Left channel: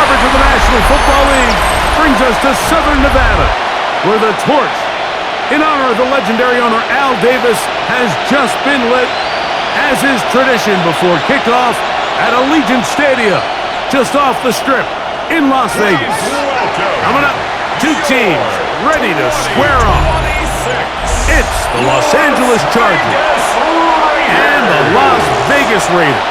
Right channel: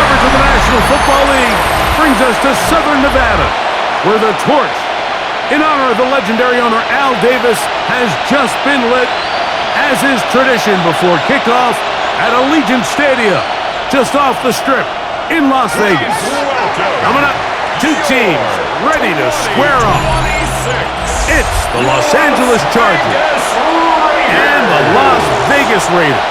coverage of the National Football League brings us to Southern Nevada, where the torch, in honor of the legendary owner Al Davis, has just been lit, as is tradition before kickoff at Allegiant Stadium, just off the Strip in Las Vegas. Coming up, two teams ready to square off. It's the Los Angeles Chargers and the Las Vegas Raiders.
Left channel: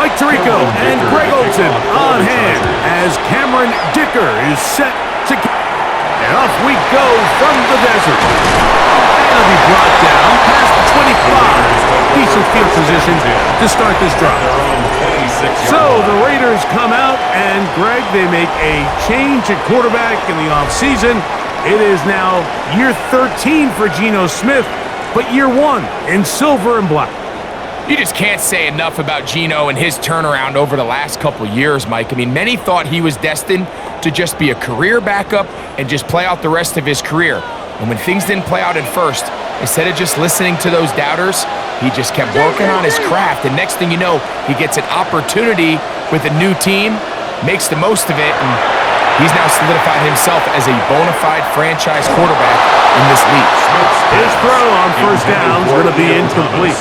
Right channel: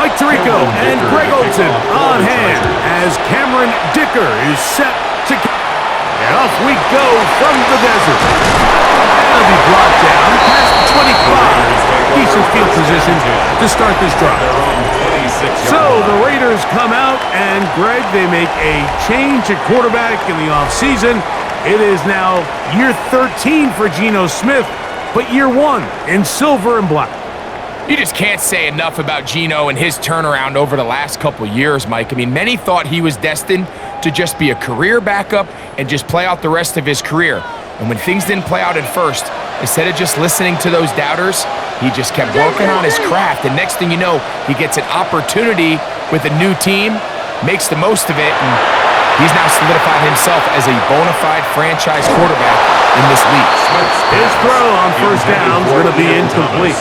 Mike Tirico and Greg Olson on hand as Cameron Dicker is set to... And off we go from the desert. And it'll be brought down past the 25. Decent field position to start this drive. So the Raiders come out, and Greg, they make a change at quarterback in the offseason. It is now year 13 for Geno Smith, but year 1 in silver and black. You just can't say enough about Geno and his turnaround over the last couple years, Mike. I mean, many thought he was destined to just be a career backup and just play out the rest of his career. And when things didn't play out at first, instead of just listening to those doubters, he just kept working on his craft. And next thing you know, he gets an opportunity with a new team, makes the most of it, and he's now solidified himself as a bona fide franchise quarterback in this league. His throw on first down is going to be incomplete.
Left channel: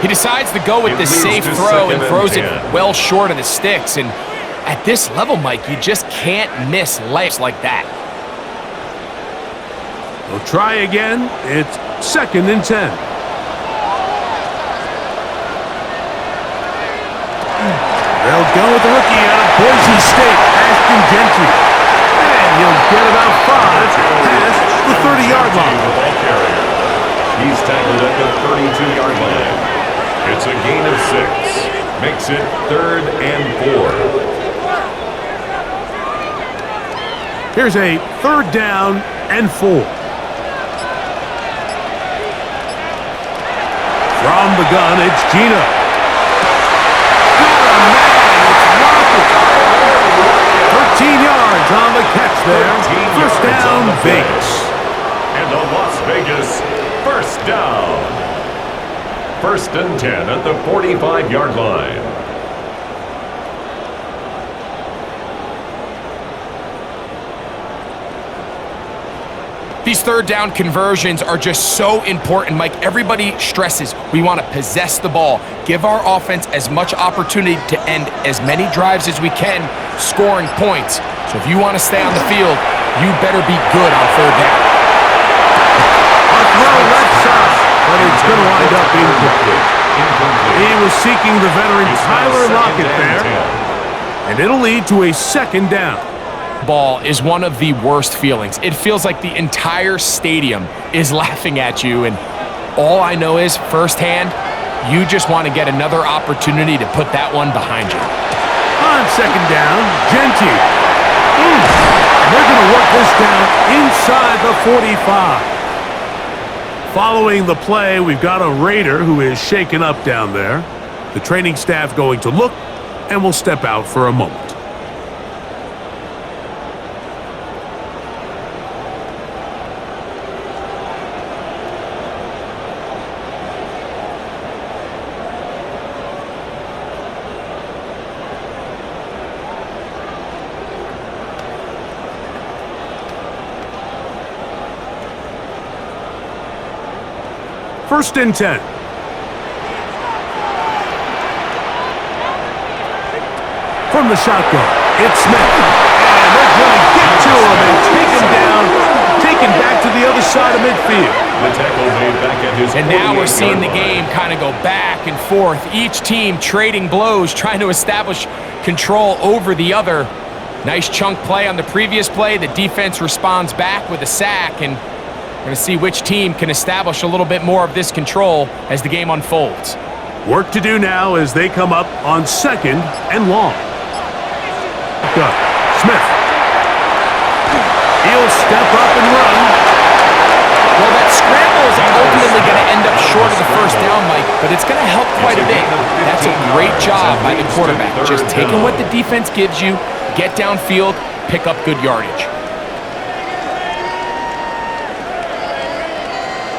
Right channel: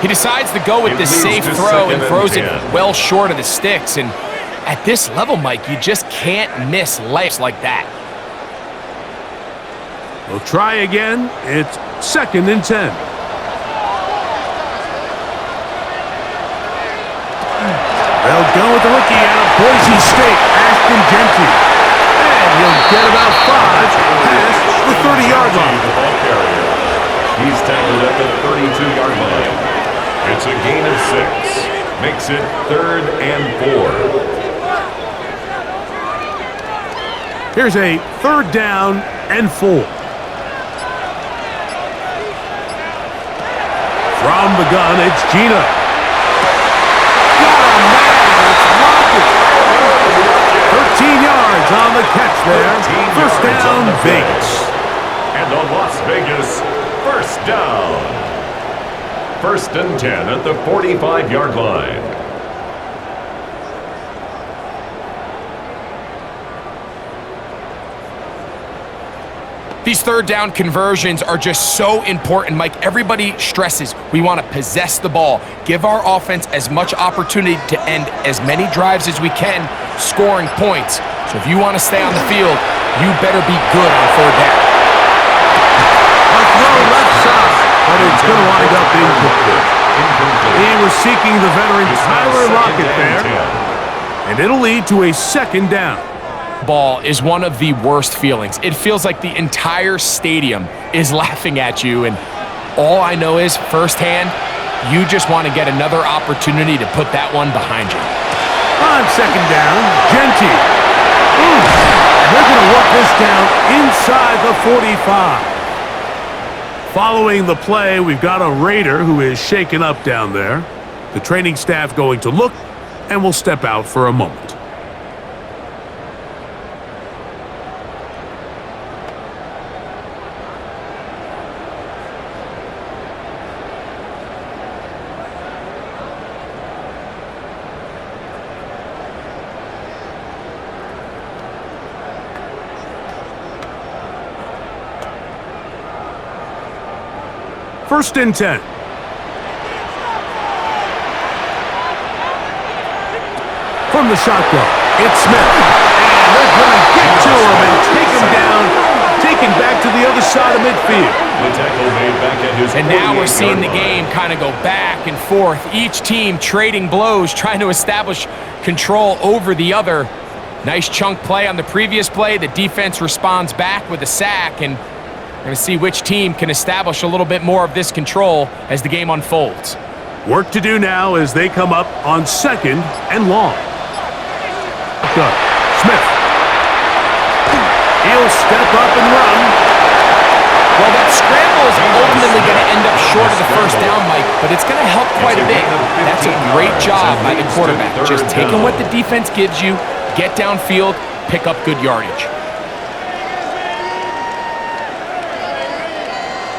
He decides to go with the safe throw and throws it well short of the sticks. And at this level, Mike, you just can't miss layups like that. We'll try again. It's 2nd and 10. They'll go with the rookie out of Boise State, Ashton Genty. And he'll get about 5 past the 30-yard line. The ball carrier. He's tackled at the 32-yard line. It's a gain of 6. Makes it 3rd and 4. Here's a 3rd down and 4. From the gun, it's Geno. Got a man, it's Lockett. 13 yards on the catch there. First down, Vegas. And on Las Vegas, first down. 1st and 10 at the 45-yard line. These 3rd down conversions are just so important, Mike. Everybody stresses we want to possess the ball, give our offense as much opportunity to end as many drives as we can, scoring points. So if you want to stay on the field, you better be good on 3rd down. A throw left side, but it's going to wind up incomplete. He was seeking the veteran Tyler Lockett there, and it'll lead to a 2nd down. Ball is one of the worst feelings. It feels like the entire stadium is laughing at you, and all I know is firsthand, you just want to get another opportunity to put that one behind you. On 2nd down, Genty. And they're going to work this down inside the 45. Following the play, we've got a Raider who is shaken up down there. The training staff going to look, and will step out for a moment. First and 10. From the shotgun, it's Smith. And they're going to get to him and take him down, taken back to the other side of midfield. The tackle made back at his And now we're seeing the game kind of go back and forth. Each team trading blows, trying to establish control over the other. Nice chunk play on the previous play. The defense responds back with a sack, and we're going to see which team can establish a little bit more of this control as the game unfolds. Work to do now as they come up on 2nd and long. Go. Smith. He'll step up and run. Well, that scramble is ultimately going to end up short of the first down, Mike, but it's going to help quite a bit. That's a great job by the quarterback, just taking what the defense gives you, get downfield, pick up good yardage.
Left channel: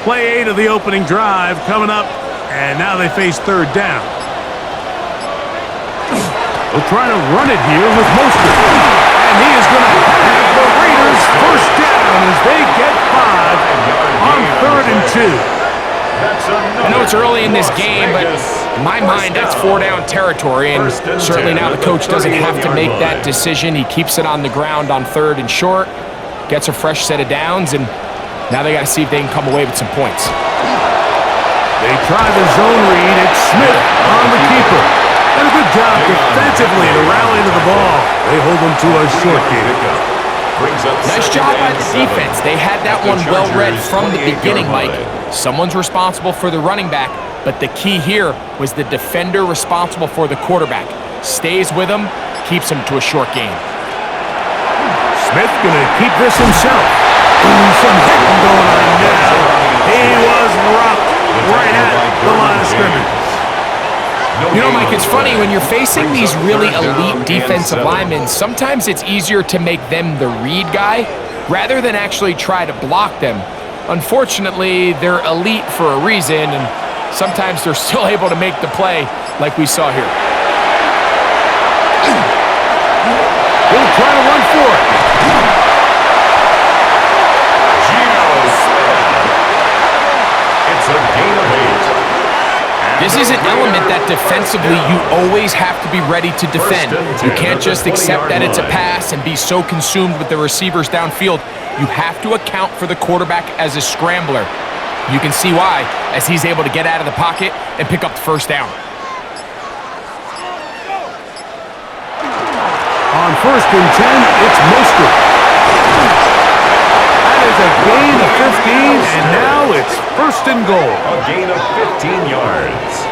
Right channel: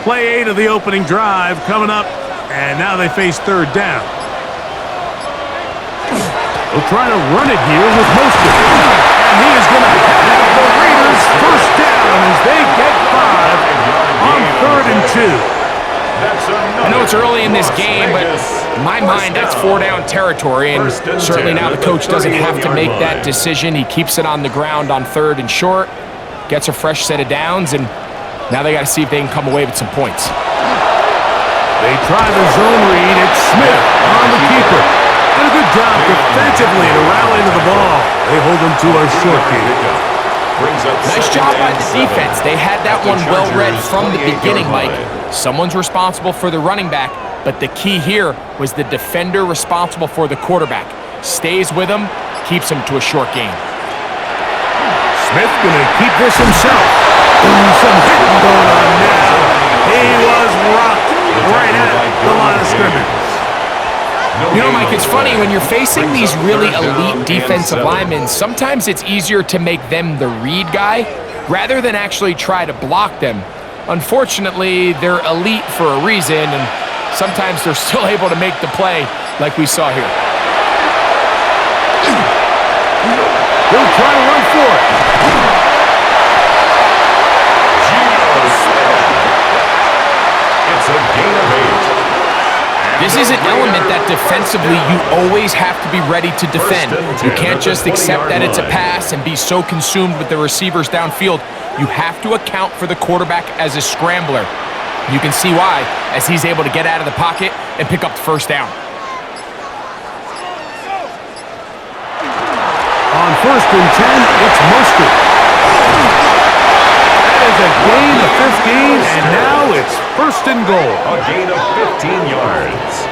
Play 8 of the opening drive coming up, and now they face third down. They'll try to run it here with Mostert. And he is going to have the Raiders first down as they get 5 on 3rd and 2. I know it's early in this game, but in my mind, that's 4-down territory, and certainly now the coach doesn't have to make that decision. He keeps it on the ground on 3rd and short, gets a fresh set of downs, and now they got to see if they can come away with some points. They try the zone read. It's Smith on the keeper. And a good job defensively to rally to the ball. They hold them to a short game. Nice job by the defense. They had that one well read from the beginning, Mike. Someone's responsible for the running back, but the key here was the defender responsible for the quarterback. Stays with him, keeps him to a short game. Smith going to keep this himself. Ooh, some hitting going on now. He was rocked right at the line of scrimmage. You know, Mike, it's funny, when you're facing these really elite defensive linemen, sometimes it's easier to make them the read guy rather than actually try to block them. Unfortunately, they're elite for a reason, and sometimes they're still able to make the play like we saw here. He'll try to run for it. It's a gain of 8. This is an element that defensively you always have to be ready to defend. You can't just accept that it's a pass and be so consumed with the receivers downfield. You have to account for the quarterback as a scrambler. You can see why, as he's able to get out of the pocket and pick up the first down. On 1st and 10, it's Mostert. That is a gain of 15, and now it's 1st and goal. A gain of 15 yards.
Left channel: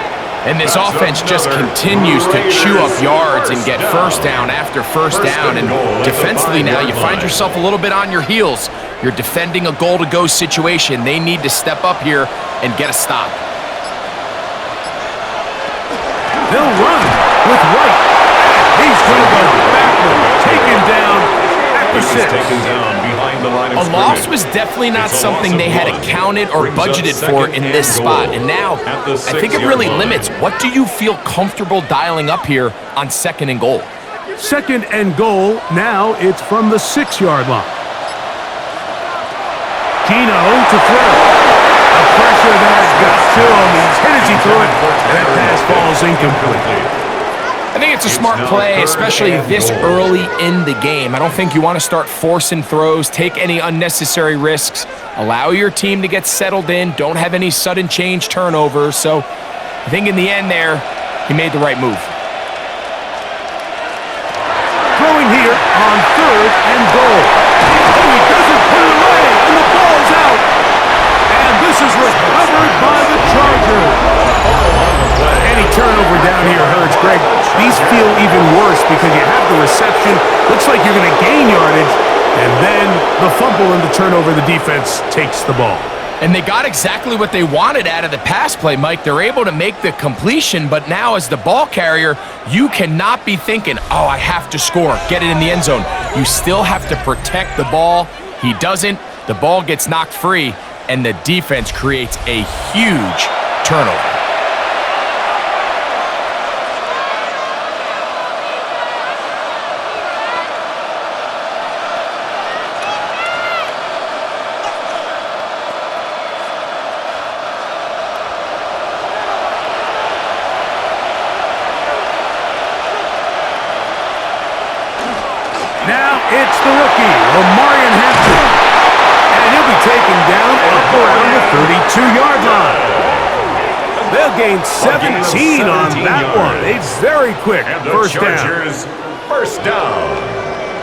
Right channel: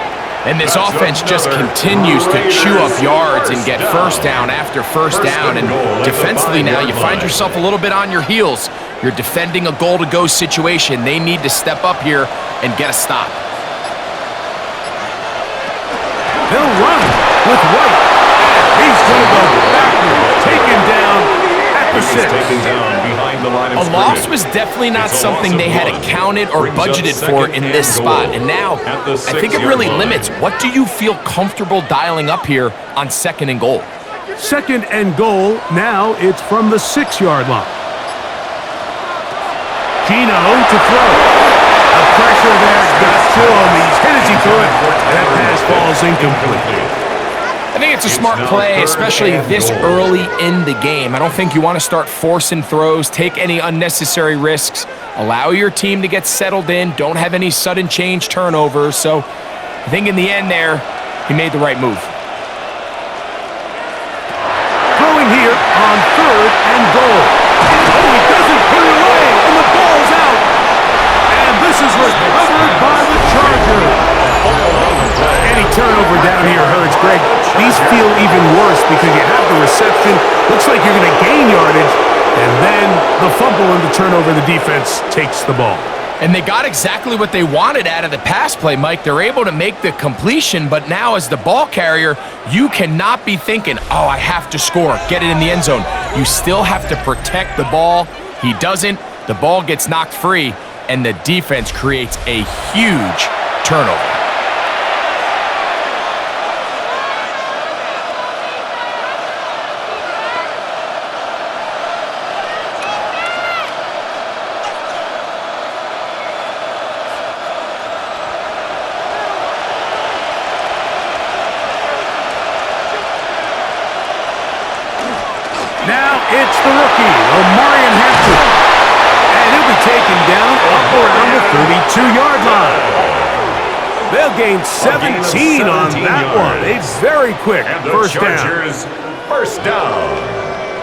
And this offense just continues to chew up yards and get first down after first down. And defensively now, you find yourself a little bit on your heels. You're defending a goal-to-go situation. They need to step up here and get a stop. They'll run with White. And he's going to go backward, taken down. A loss was definitely not something they had accounted or budgeted for in this spot. And now, I think it really limits. What do you feel comfortable dialing up here on 2nd and goal? 2nd and goal. Now it's from the 6-yard line. Gino to throw. The pressure there got to him. He's hit as he threw it, and that pass falls incomplete. I think it's a smart play, especially this early in the game. I don't think you want to start forcing throws, take any unnecessary risks, allow your team to get settled in, don't have any sudden change turnovers. So I think in the end there, he made the right move. Throwing here on 3rd and goal. Oh, he doesn't put it away, and the ball's out. And this is recovered by the Chargers. Any turnover down here hurts, Greg. These feel even worse because you have the reception. Looks like you're going to gain yardage. And then the fumble and the turnover, the defense takes the ball. And they got exactly what they wanted out of the pass play, Mike. They're able to make the completion, but now as the ball carrier, you cannot be thinking, oh, I have to score, get it in the end zone. You still have to protect the ball. He doesn't. The ball gets knocked free, and the defense creates a huge turnover. Now it's the rookie, Omarion Hampton. And he'll be taken down up around the 32-yard line. They'll gain 17 on that one. A very quick first down. First down.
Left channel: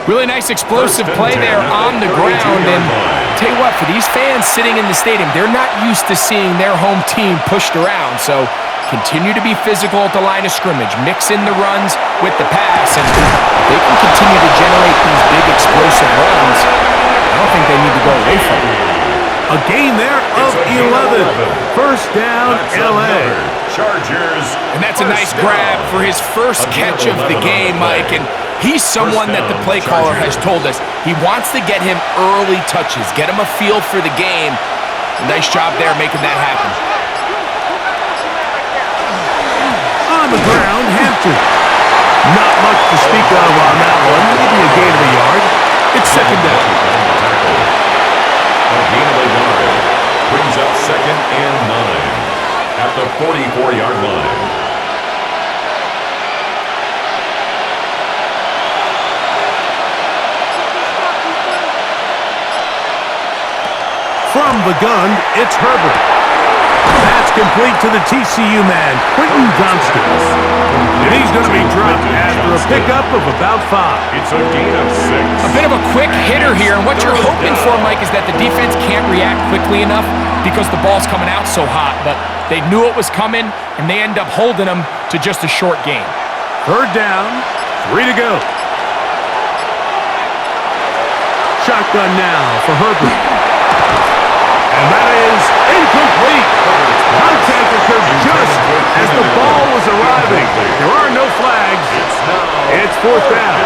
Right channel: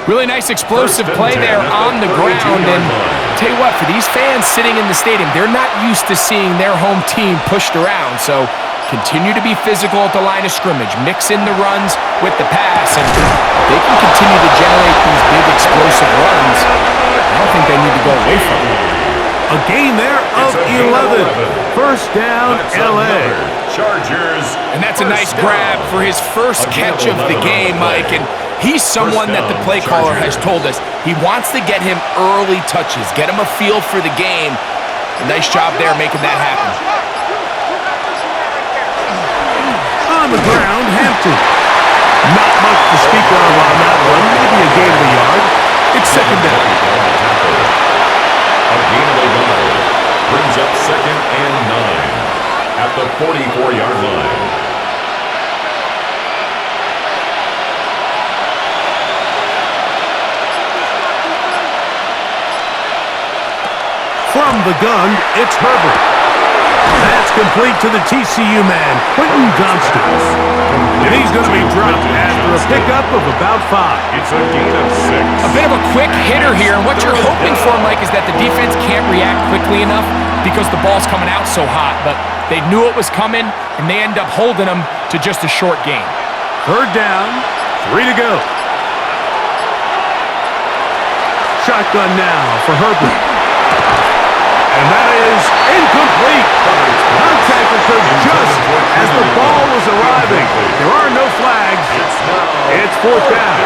Really nice explosive play there on the ground. And I'll tell you what, for these fans sitting in the stadium, they're not used to seeing their home team pushed around. So continue to be physical at the line of scrimmage. Mix in the runs with the pass. And if they can continue to generate these big explosive runs, I don't think they need to go away from it. A gain there of It's a gain of 11. 11. First down, That's L.A. another Chargers. And that's a nice first grab down. for his first A gain catch of the 11 on game, play. Mike. And he's someone that the play caller has told us he wants to get him early touches, get him a feel for the game. A nice job there making that happen. On the ground, Hampton. Not much to speak of on that one. Maybe a gain of a yard. It's second down. A gain of a yard brings up 2nd and 9 at the 44-yard line. From the gun, it's Herbert. That's complete to the TCU man, Quentin Johnston. And he's going to be dropped after a pickup of about 5. It's a gain of 6. A bit of a quick hitter here, and what you're hoping for, Mike, is that the defense can't react quickly enough because the ball's coming out so hot. But they knew it was coming, and they end up holding them to just a short gain. Third down, 3 to go. Shotgun now for Herbert. And that is incomplete. Contact occurred just as the ball was arriving. There are no flags. It's fourth down.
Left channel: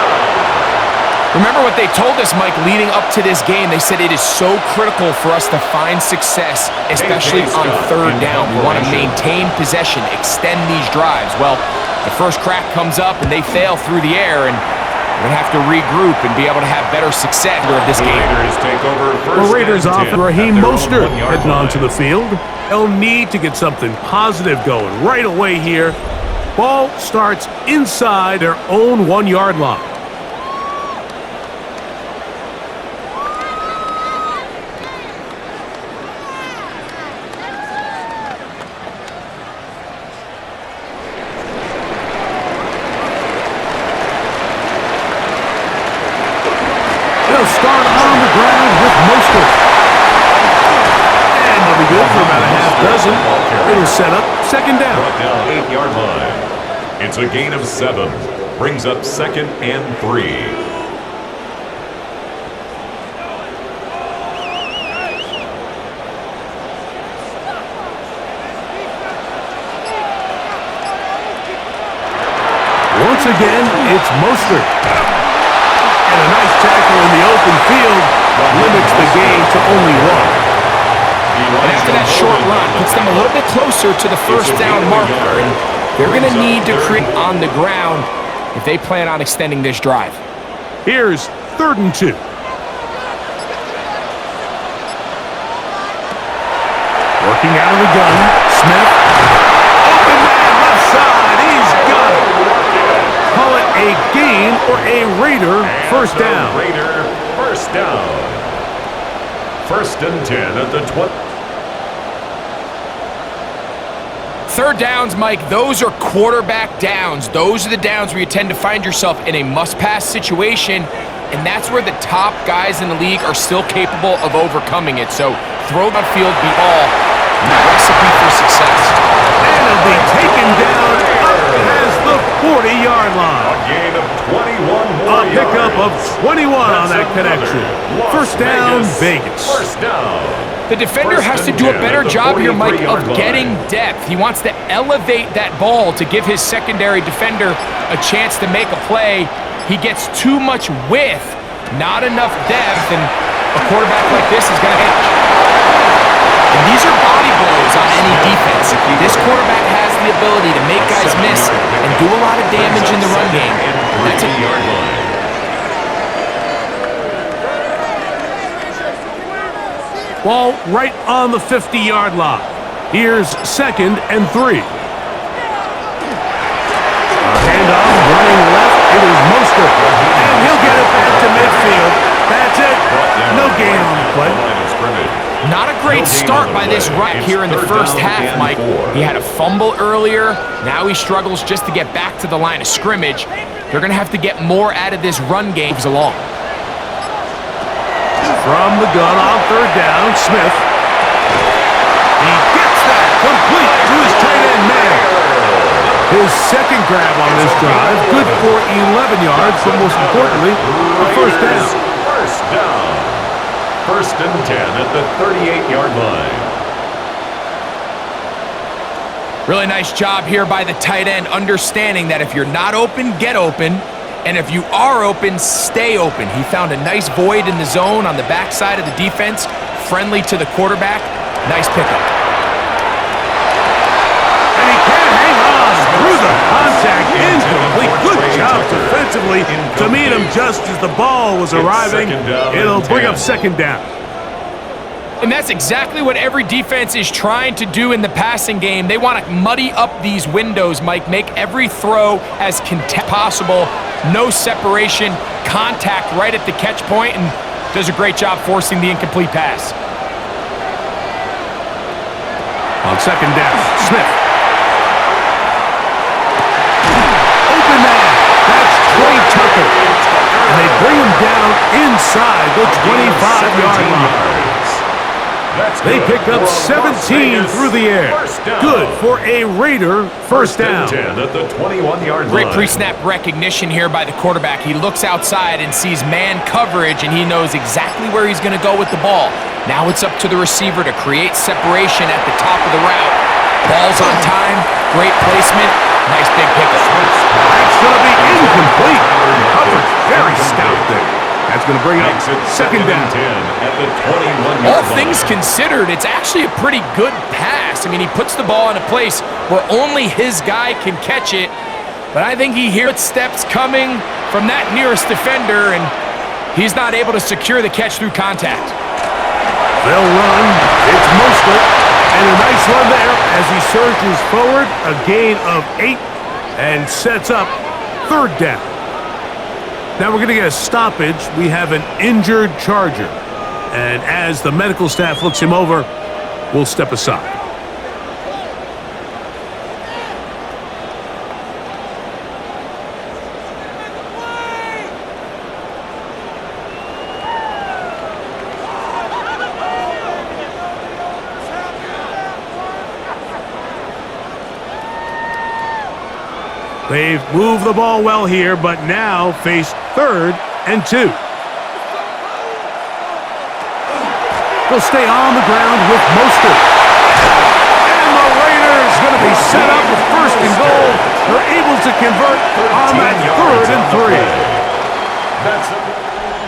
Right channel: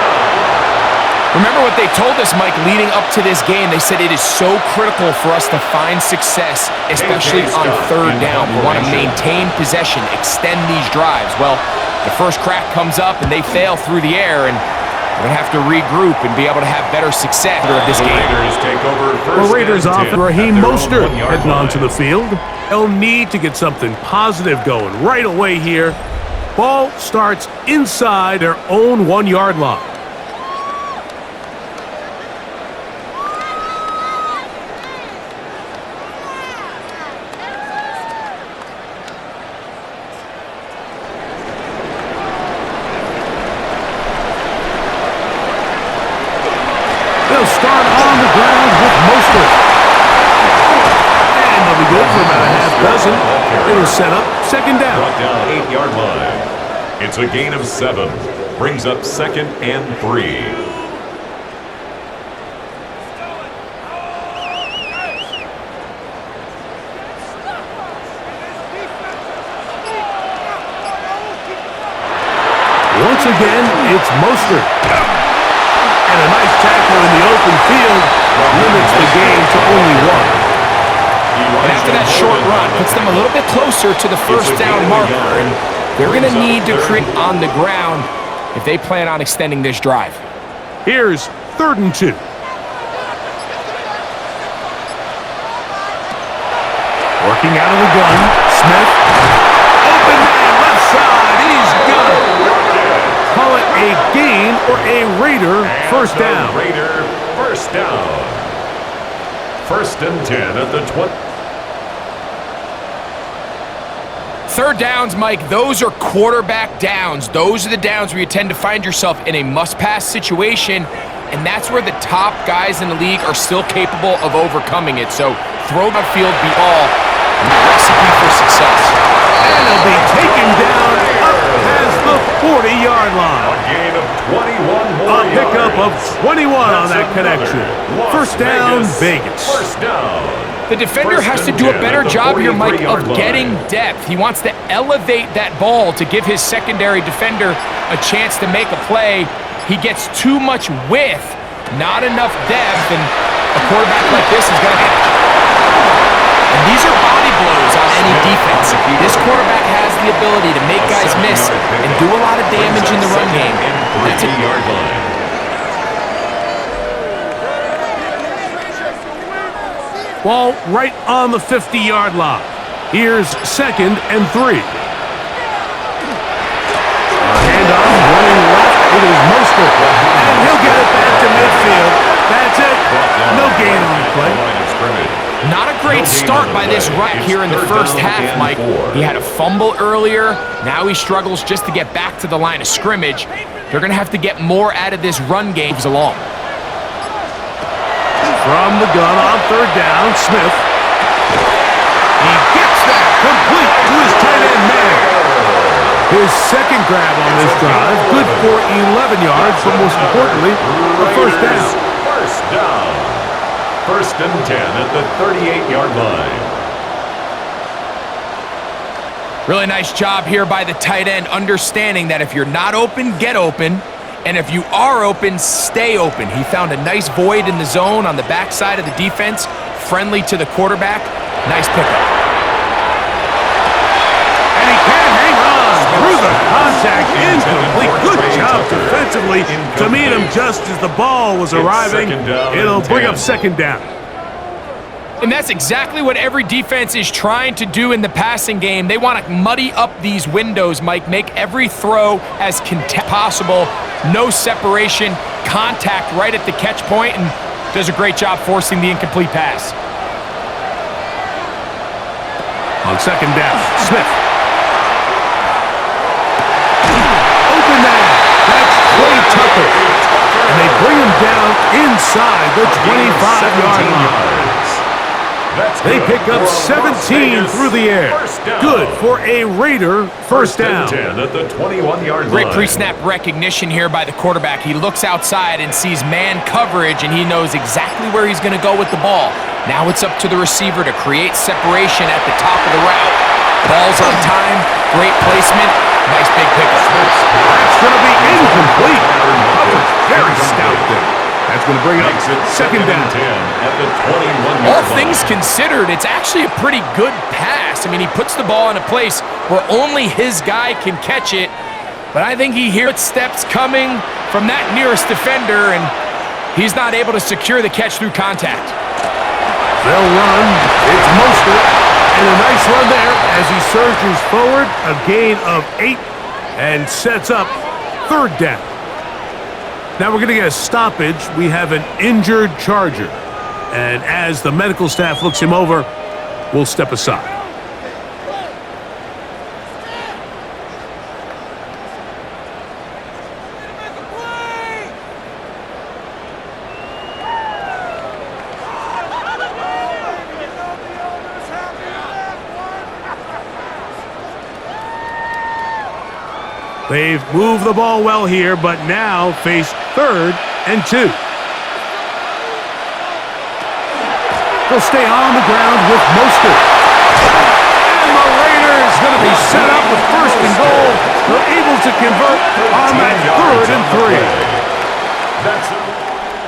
Remember what they told us, Mike, leading up to this game. They said it is so critical for us to find success, especially on third down. We want to maintain possession, extend these drives. Well, the first crack comes up, and they fail through the air, and we're going to have to regroup and be able to have better success of this game. Raiders take over The Raiders off Raheem Mostert heading onto the field. field. They'll need to get something positive going right away here. Ball starts inside their own 1-yard line. They'll start on the ground with Mostert. And they'll be good for about a half dozen. It'll set up second down. Brought down 8-yard line. It's a gain of 7. Brings up 2nd and 3. Once again, it's Mostert. And a nice tackle in the open field limits the game to only 1. And after that short run, puts them a little bit closer to the first down marker. And they're going to need to create on the ground if they plan on extending this drive. Here's 3rd and 2. Working out of the gun, Smith. Open man, left side, he's got it. Call it a gain or a Raider first down. Raider first down. 1st and 10 at the 20. Third downs, Mike, those are quarterback downs. Those are the downs where you tend to find yourself in a must-pass situation, and that's where the top guys in the league are still capable of overcoming it. So throw the field, be all recipe for success. And he'll be taken down up past the 40-yard line. A gain of 21 more A pickup of 21 on that connection. First down, Vegas. First down. The defender has to do a better job here, Mike, of getting depth. He wants to elevate that ball to give his secondary defender a chance to make a play. He gets too much width, not enough depth, and a quarterback like this is going to hit. And these are body blows on any defense. This quarterback has the ability to make guys miss and do a lot of damage in the run game. That's a yard line. Ball right on the 50-yard line. Here's 2nd and 3. Handoff running left. It is Mostert. And he'll get it back to midfield. That's it. No gain on the play. Not a great start by this rack here in the first half, Mike. He had a fumble earlier. Now he struggles just to get back to the line of scrimmage. They're going to have to get more out of this run game moves along. From the gun on 3rd down, Smith. He gets that complete to his tight end man. His second grab on this drive, good for 11 yards, but most importantly, a first down. First down. First and 10 at the 38-yard line. Really nice job here by the tight end, understanding that if you're not open, get open. And if you are open, stay open. He found a nice void in the zone on the backside of the defense, friendly to the quarterback. Nice pickup. And he can't hang on through the contact. Incomplete. Good job defensively to meet him just as the ball was arriving. It'll bring up second down. And that's exactly what every defense is trying to do in the passing game. They want to muddy up these windows, Mike, make every throw as possible. No separation, contact right at the catch point, and does a great job forcing the incomplete pass. On second down, Smith. Open man. That's Trey Tucker. And they bring him down inside the 25-yard line. They pick up 17 through the air. Good for a Raider first down. 10 at the 21-yard line. Great pre-snap recognition here by the quarterback. He looks outside and sees man coverage, and he knows exactly where he's going to go with the ball. Now it's up to the receiver to create separation at the top of the route. Ball's on time, great placement, nice big pickup. That's going to be incomplete. Coverage very stout there. That's going to bring up second down. 10 at the 21-yard line. All things considered, it's actually a pretty good pass. I mean, he puts the ball in a place where only his guy can catch it, but I think he hears steps coming from that nearest defender, and he's not able to secure the catch through contact. They'll run. It's Mostert, and a nice run there as he surges forward, a gain of 8, and sets up third down. Now we're going to get a stoppage. We have an injured Charger. And as the medical staff looks him over, we'll step aside. They've moved the ball well here, but now face third and 2. They'll stay on the ground with Mostert. And the Raiders going to be set up with first and goal. They're able to convert on that third and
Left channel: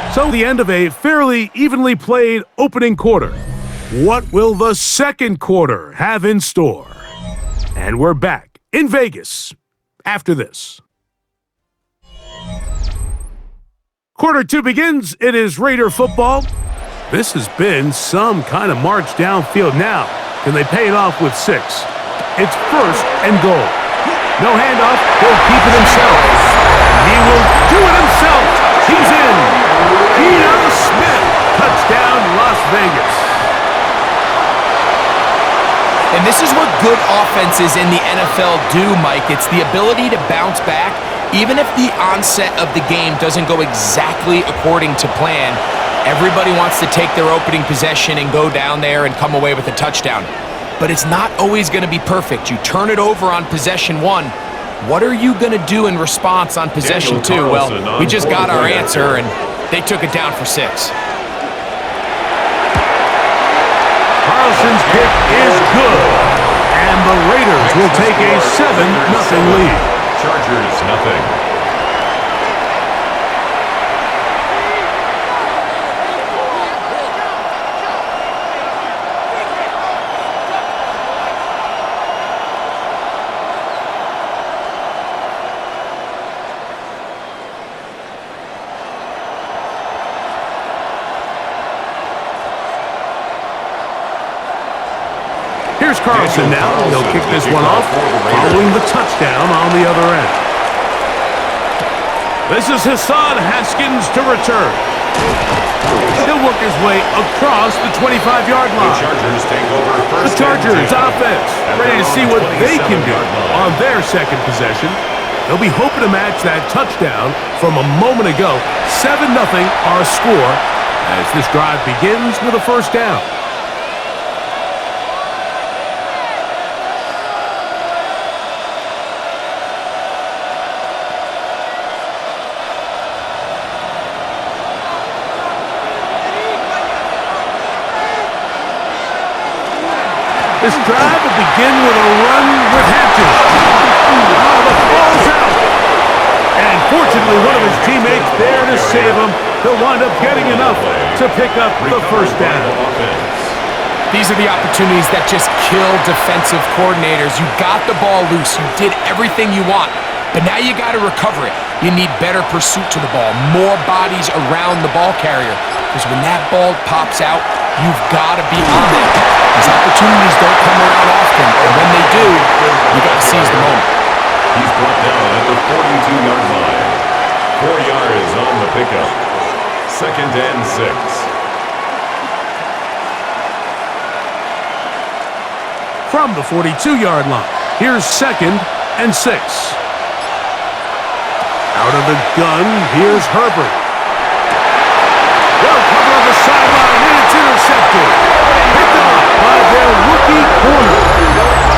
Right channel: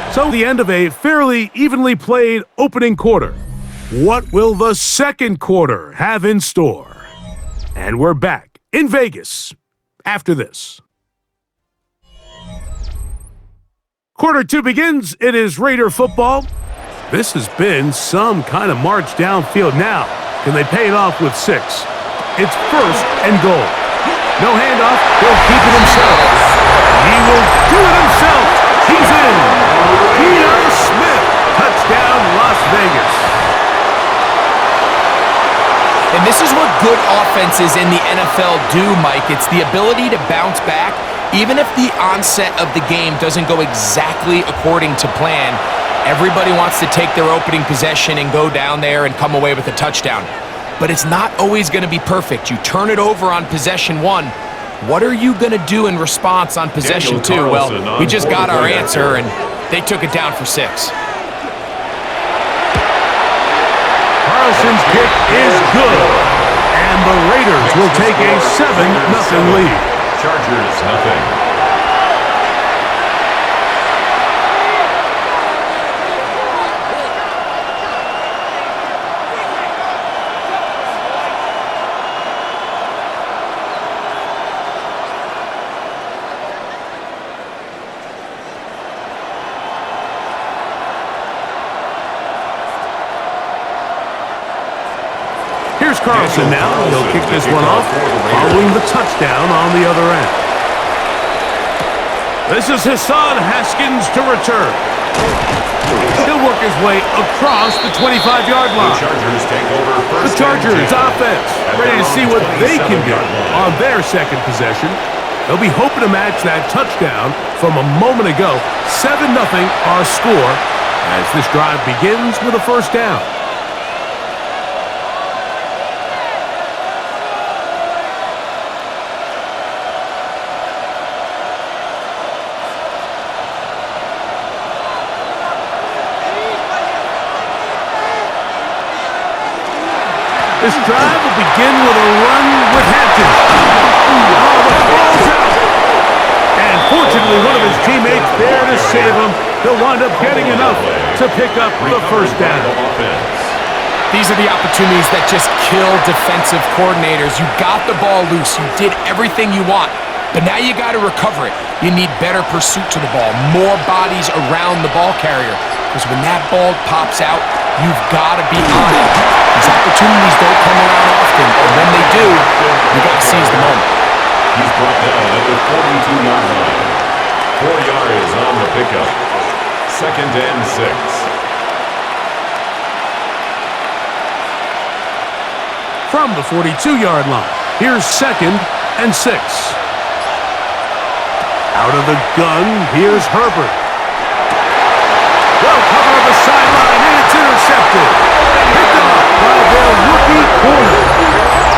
3. So the end of a fairly evenly played opening quarter. What will the second quarter have in store? And we're back in Vegas after this. Quarter 2 begins. It is Raider football. This has been some kind of march downfield. Now, can they pay it off with 6? It's first and goal. No handoff. He'll keep it himself. He will do it himself. He's in. Geno Smith. Touchdown, Las Vegas. And this is what good offenses in the NFL do, Mike. It's the ability to bounce back, even if the onset of the game doesn't go exactly according to plan. Everybody wants to take their opening possession and go down there and come away with a touchdown. But it's not always going to be perfect. You turn it over on possession 1. What are you going to do in response on possession 2? Well, we just got our answer, and they took it down for 6. Carlson's kick is good, and the Raiders will take a 7-0 lead. Chargers nothing. Here's Carlson now. He'll kick this one off, following the touchdown on the other end. This is Hassan Haskins to return. He'll work his way across the 25-yard line. The Chargers take over first. The Chargers offense ready to see what they can do on their second possession. They'll be hoping to match that touchdown from a moment ago. 7-0 our score as this drive begins with a first down. This drive will begin with a run with Hampton. Oh, the ball's out. And fortunately, one of his teammates there to save him. He'll wind up getting enough to pick up the first down. These are the opportunities that just kill defensive coordinators. You got the ball loose. You did everything you want. But now you got to recover it. You need better pursuit to the ball, more bodies around the ball carrier. Because when that ball pops out, you've got to be on it. These opportunities don't come around often, and when they do, you got to seize the moment. He's brought down at the 42-yard line. 4 yards on the pickup. 2nd and 6. From the 42-yard line, here's 2nd and 6. Out of the gun, here's Herbert. Well covered on the sideline, and it's intercepted. Picked off by their rookie corner.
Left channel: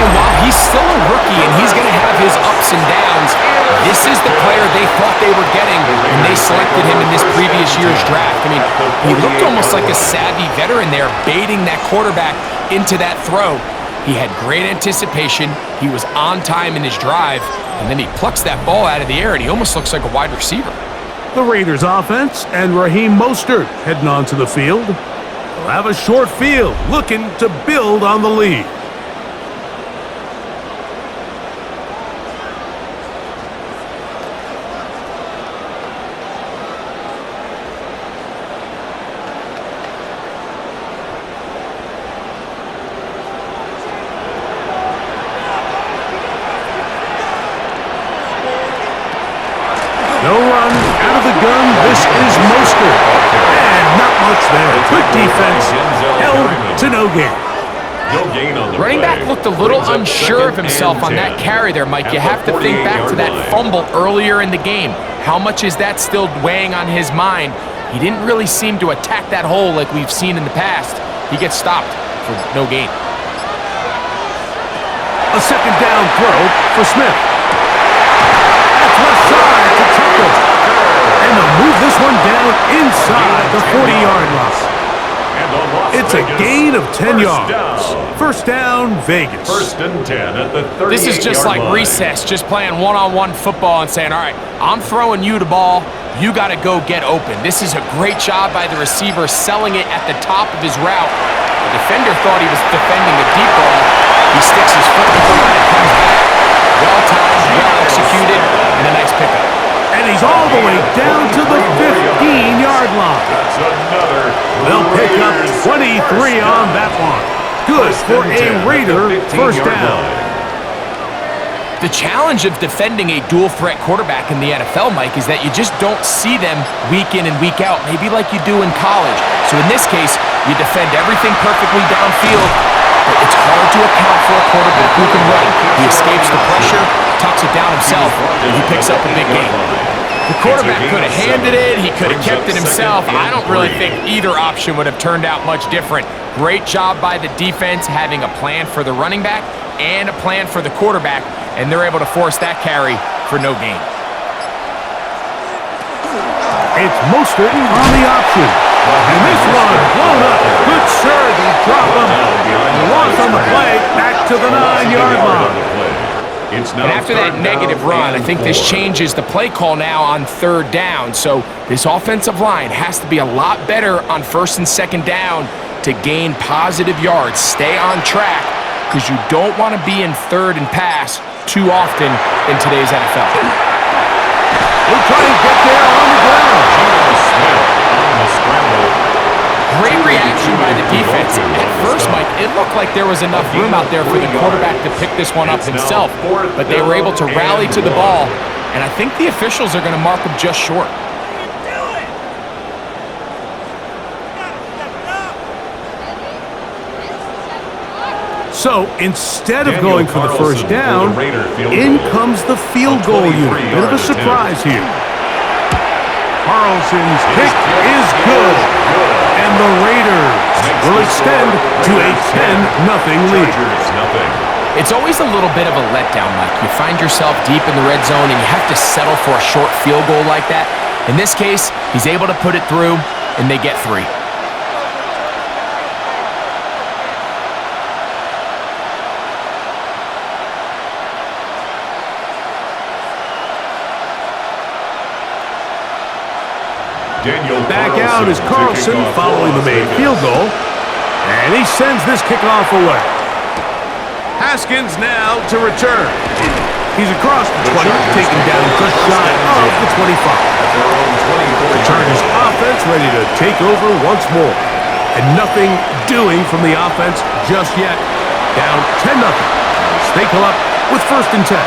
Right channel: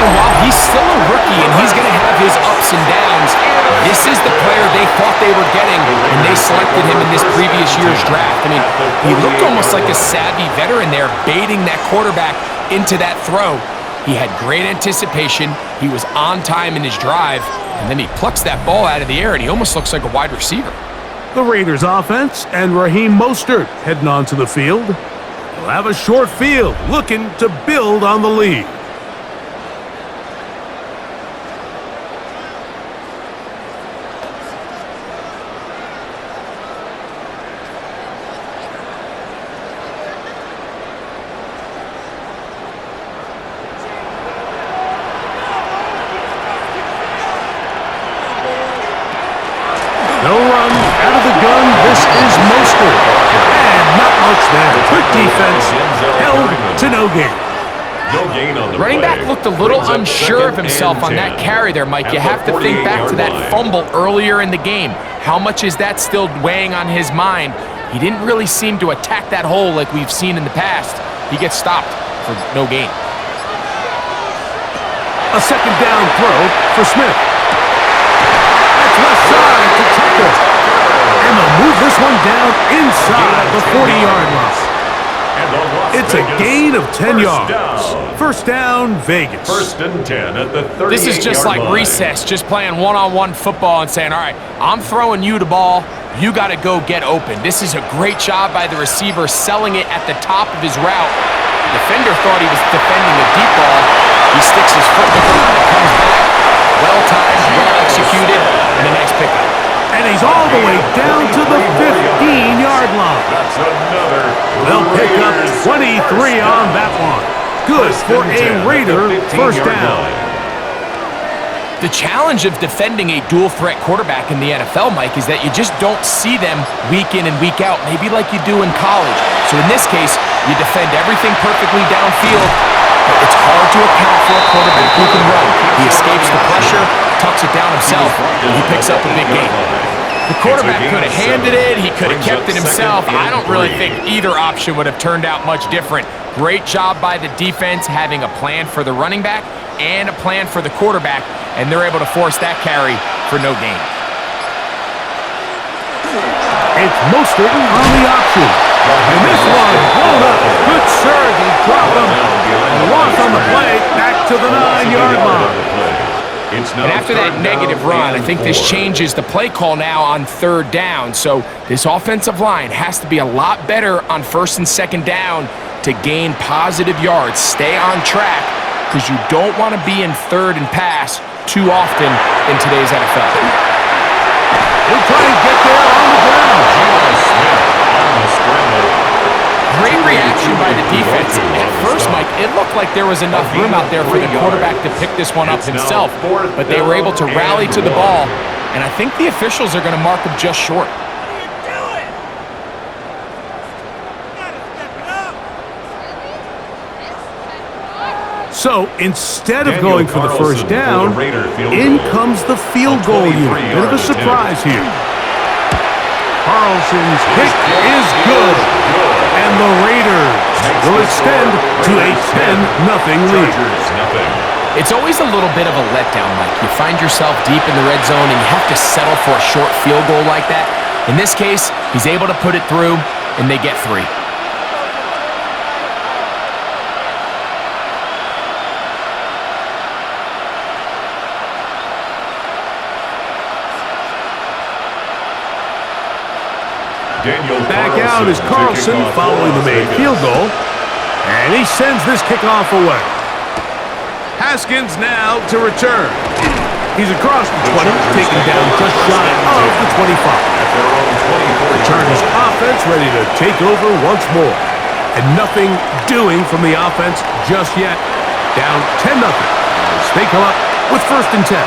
And while he's still a rookie and he's going to have his ups and downs, this is the player they thought they were getting when they selected him in this previous year's draft. I mean, he looked almost like a savvy veteran there, baiting that quarterback into that throw. He had great anticipation. He was on time in his drive, and then he plucks that ball out of the air, and he almost looks like a wide receiver. The Raiders offense and Raheem Mostert heading onto the field. They'll have a short field, looking to build on the lead. No run out of the gun. This is Mostert. And not much there. Quick defense. Held to no gain. No gain on the Running play. back looked a little Brings up unsure of 2nd himself and on that 10. carry there, Mike. At You the have to think back to 48-yard that line. fumble earlier in the game. How much is that still weighing on his mind? He didn't really seem to attack that hole like we've seen in the past. He gets stopped for no gain. A 2nd down throw for Smith. That's left side to Tucker. And they'll move this one down inside the 40-yard line. It's a gain of 10 yards. First down, Vegas. 1st and 10 at the 38-yard line. This is just like recess, just playing one-on-one football and saying, all right, I'm throwing you the ball. You got to go get open. This is a great job by the receiver selling it at the top of his route. The defender thought he was defending a deep ball. He sticks his foot in the ground and comes back. Well-timed, well-executed, and a nice pickup. And he's all the way down to the 15-yard line. That's another. They'll pick up 23 on that one. Good for a Raider first down. The challenge of defending a dual-threat quarterback in the NFL, Mike, is that you just don't see them week in and week out, maybe like you do in college. So in this case, you defend everything perfectly downfield, but it's hard to account for a quarterback who can run. He escapes the pressure, tucks it down himself, and he picks up a big gain. The quarterback could have handed it. He could have kept it himself. I don't really think either option would have turned out much different. Great job by the defense having a plan for the running back and a plan for the quarterback, and they're able to force that carry for no gain. It's Mostert on the option. And this one blown up. Good surge. He dropped him. A loss on the play. Back to the 9-yard line. And after that negative run, I think this changes the play call now on 3rd down. So this offensive line has to be a lot better on 1st and 2nd down to gain positive yards. Stay on track because you don't want to be in 3rd and pass too often in today's NFL. He'll try and get there on the ground. Geno Smith on the scramble. Great reaction by the defense. At first, Mike, it looked like there was enough room out there for the quarterback to pick this one up himself, but they were able to rally to the ball, and I think the officials are going to mark him just short. So instead of going for the first down, in comes the field goal unit. Bit of a surprise here. Carlson's kick is good. And the Raiders will extend to a 10-0 lead. It's always a little bit of a letdown, Mike. You find yourself deep in the red zone and you have to settle for a short field goal like that. In this case, he's able to put it through, and they get 3. Back out is Carlson following the made field goal. And he sends this kickoff away. Haskins now to return. He's across the 20, taken down just shy of the 25. The Chargers offense ready to take over once more. And nothing doing from the offense just yet. Down 10-0 as they come up with 1st and 10.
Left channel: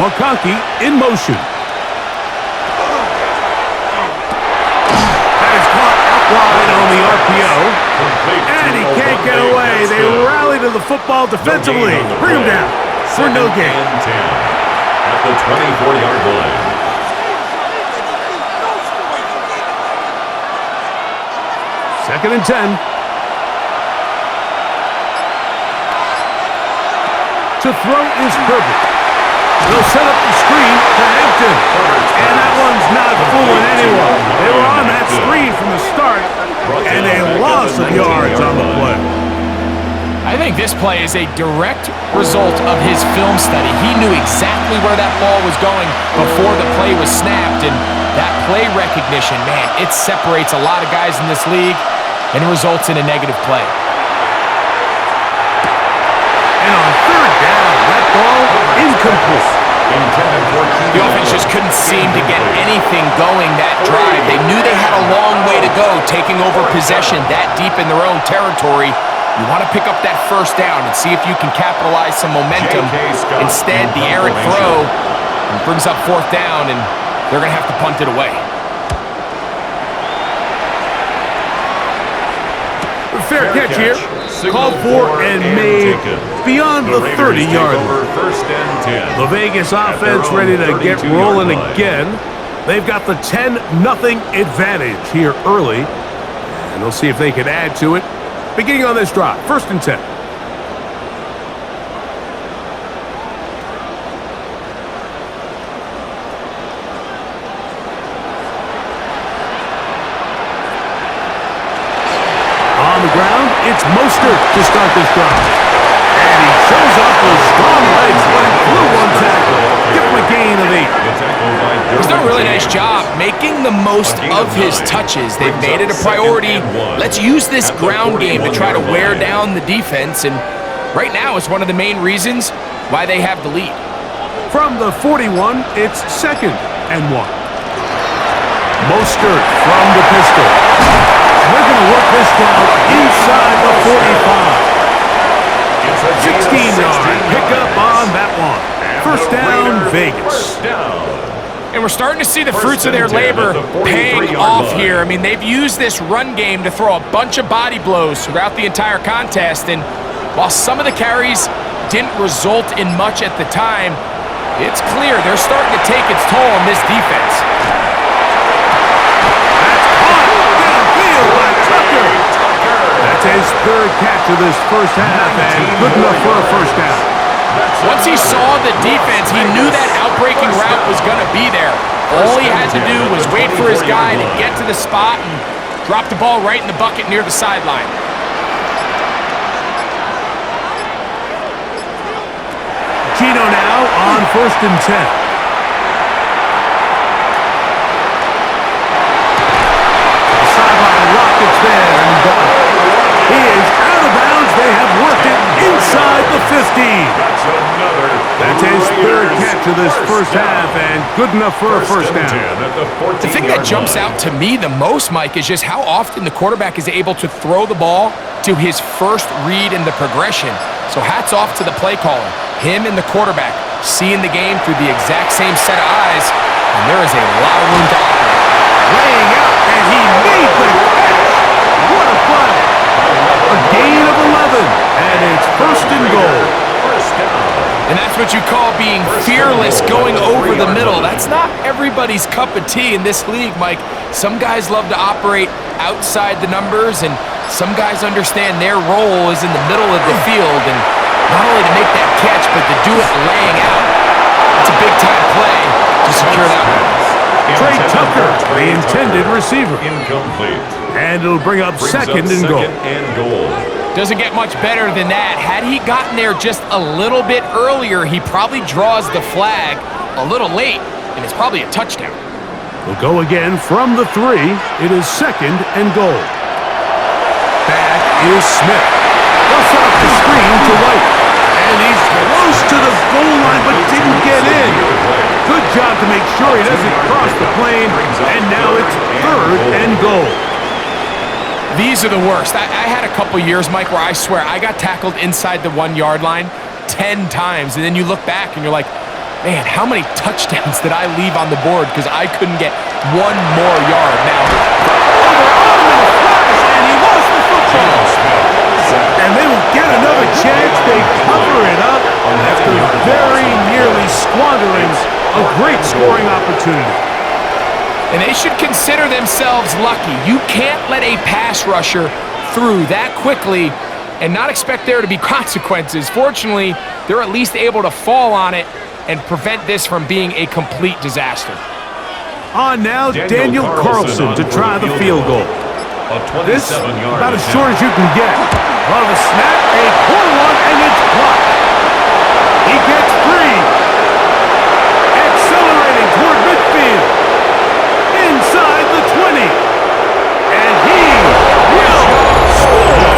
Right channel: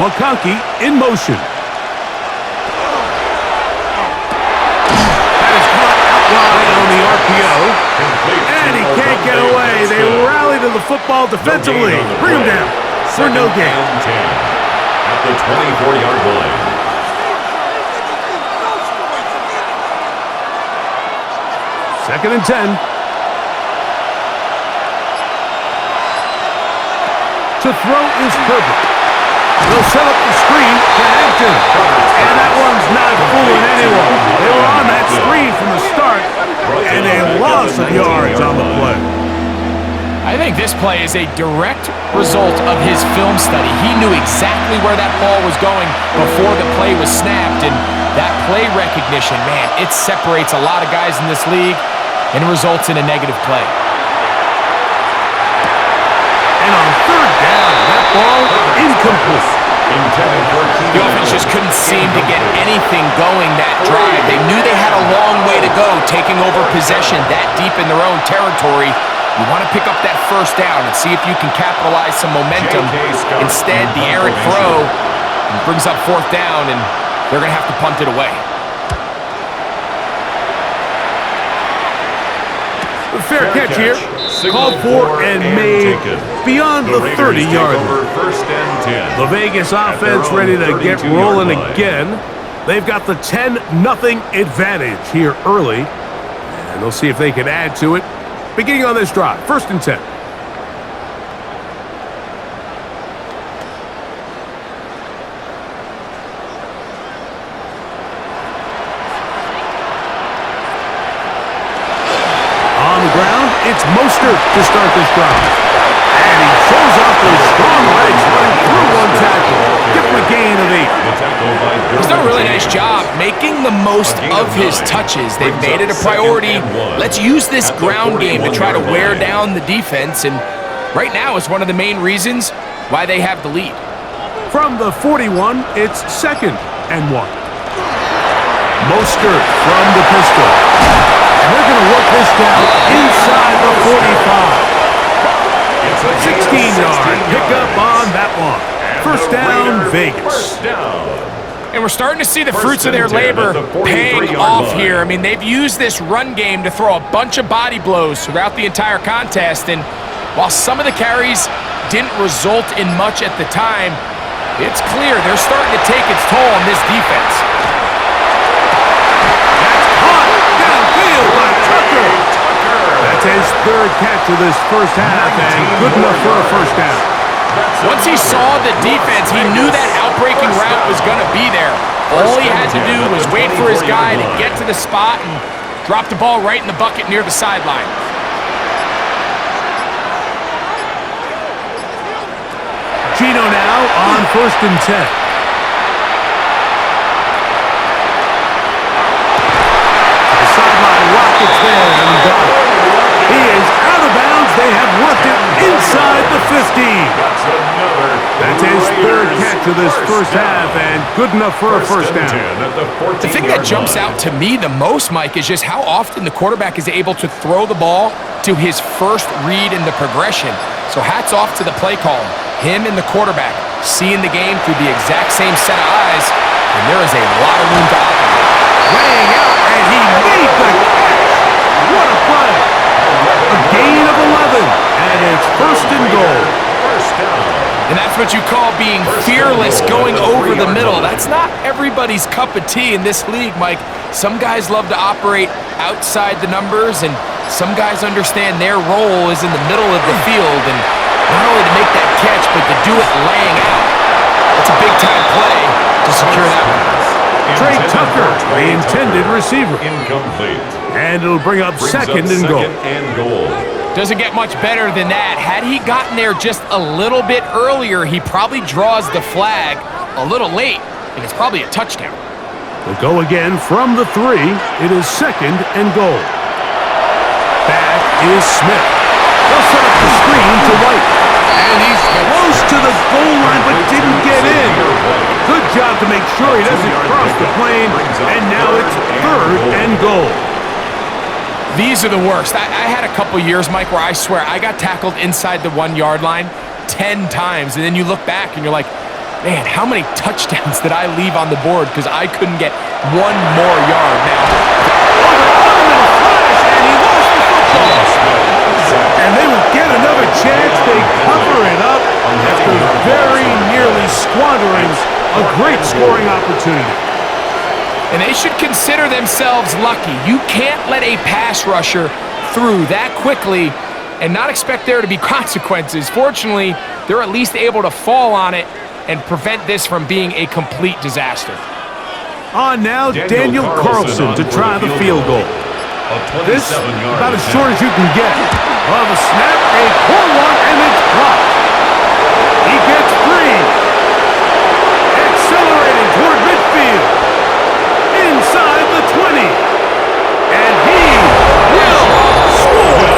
McConkey in motion. That is caught out wide on the RPO. And he can't get away. They rally to the football defensively. Bring him down for no gain. At the 24-yard line. Second and 10. To throw is Herbert. They'll set up the screen to Hampton. And that one's not fooling anyone. They were on that screen from the start, and a loss of yards on the play. I think this play is a direct result of his film study. He knew exactly where that ball was going before the play was snapped, and that play recognition, man, it separates a lot of guys in this league and results in a negative play. And on 3rd down, that ball incomplete. The offense just couldn't seem to get anything going that drive. They knew they had a long way to go taking over possession that deep in their own territory. You want to pick up that 1st down and see if you can capitalize some momentum. Instead, the errant throw brings up 4th down, and they're going to have to punt it away. Fair catch here. Called for and made beyond the 30-yard line. The Vegas offense ready to get rolling again. They've got the 10-0 advantage here early. And they'll see if they can add to it. Beginning on this drive, 1st and 10. On the ground, it's Mostert to start this drive. And he shows off those strong legs running through one tackle. Give him a gain of 8. He's done a really nice job making the most of his touches. They've made it a priority. Let's use this ground game to try to wear down the defense. And right now, it's one of the main reasons why they have the lead. From the 41, it's 2nd and 1. Mostert from the pistol. And they're going to work this down inside the 45. 16-yard pickup on that one. 1st down, Vegas. And we're starting to see the fruits of their labor paying off here. I mean, they've used this run game to throw a bunch of body blows throughout the entire contest. And while some of the carries didn't result in much at the time, it's clear they're starting to take its toll on this defense. By Tucker. That's his 3rd catch of this 1st half, and good enough for a 1st down. Once he saw the defense, he knew that outbreaking route was going to be there. All he had to do was wait for his guy to get to the spot and drop the ball right in the bucket near the sideline. Gino now on 1st and 10. Sideline rockets there, and he got it. He is out of bounds. They have worked it inside the 15. That's his 3rd catch of this 1st half, and good enough for a 1st down. The thing that jumps out to me the most, Mike, is just how often the quarterback is able to throw the ball to his first read in the progression. So hats off to the play caller. Him and the quarterback seeing the game through the exact same set of eyes, and there is a lot of room to operate. Laying out, and he made the catch. What a play. A gain of 11, and it's 1st and goal. And that's what you call being fearless going over the middle. That's not everybody's cup of tea in this league, Mike. Some guys love to operate outside the numbers, and some guys understand their role is in the middle of the field, and not only to make that catch, but to do it laying out. That's a big-time play to secure that one. Trey Tucker, the intended receiver. Incomplete. And it'll bring up second and goal. Doesn't get much better than that. Had he gotten there just a little bit earlier, he probably draws the flag a little late, and it's probably a touchdown. We'll go again from the 3. It is second and goal. Back is Smith. They'll set up the screen to White. And he's close to the goal line, but didn't get in. Good job to make sure he doesn't cross the plane. And now it's third and goal. These are the worst. I had a couple years, Mike, where I swear I got tackled inside the 1 yard line 10 times. And then you look back and you're like, man, how many touchdowns did I leave on the board because I couldn't get 1 more yard? Now, they're on him in a flash, and he lost the football. And they will get another chance. They cover it up after very nearly squandering a great scoring opportunity. and they should consider themselves lucky. You can't let a pass rusher through that quickly and not expect there to be consequences. Fortunately, they're at least able to fall on it and prevent this from being a complete disaster. On now, Daniel Carlson to try the field goal. This, about as short as you can get. Well, the snap, a poor one, and it's blocked. He gets free. Accelerating toward midfield. Inside the 20. And he will score.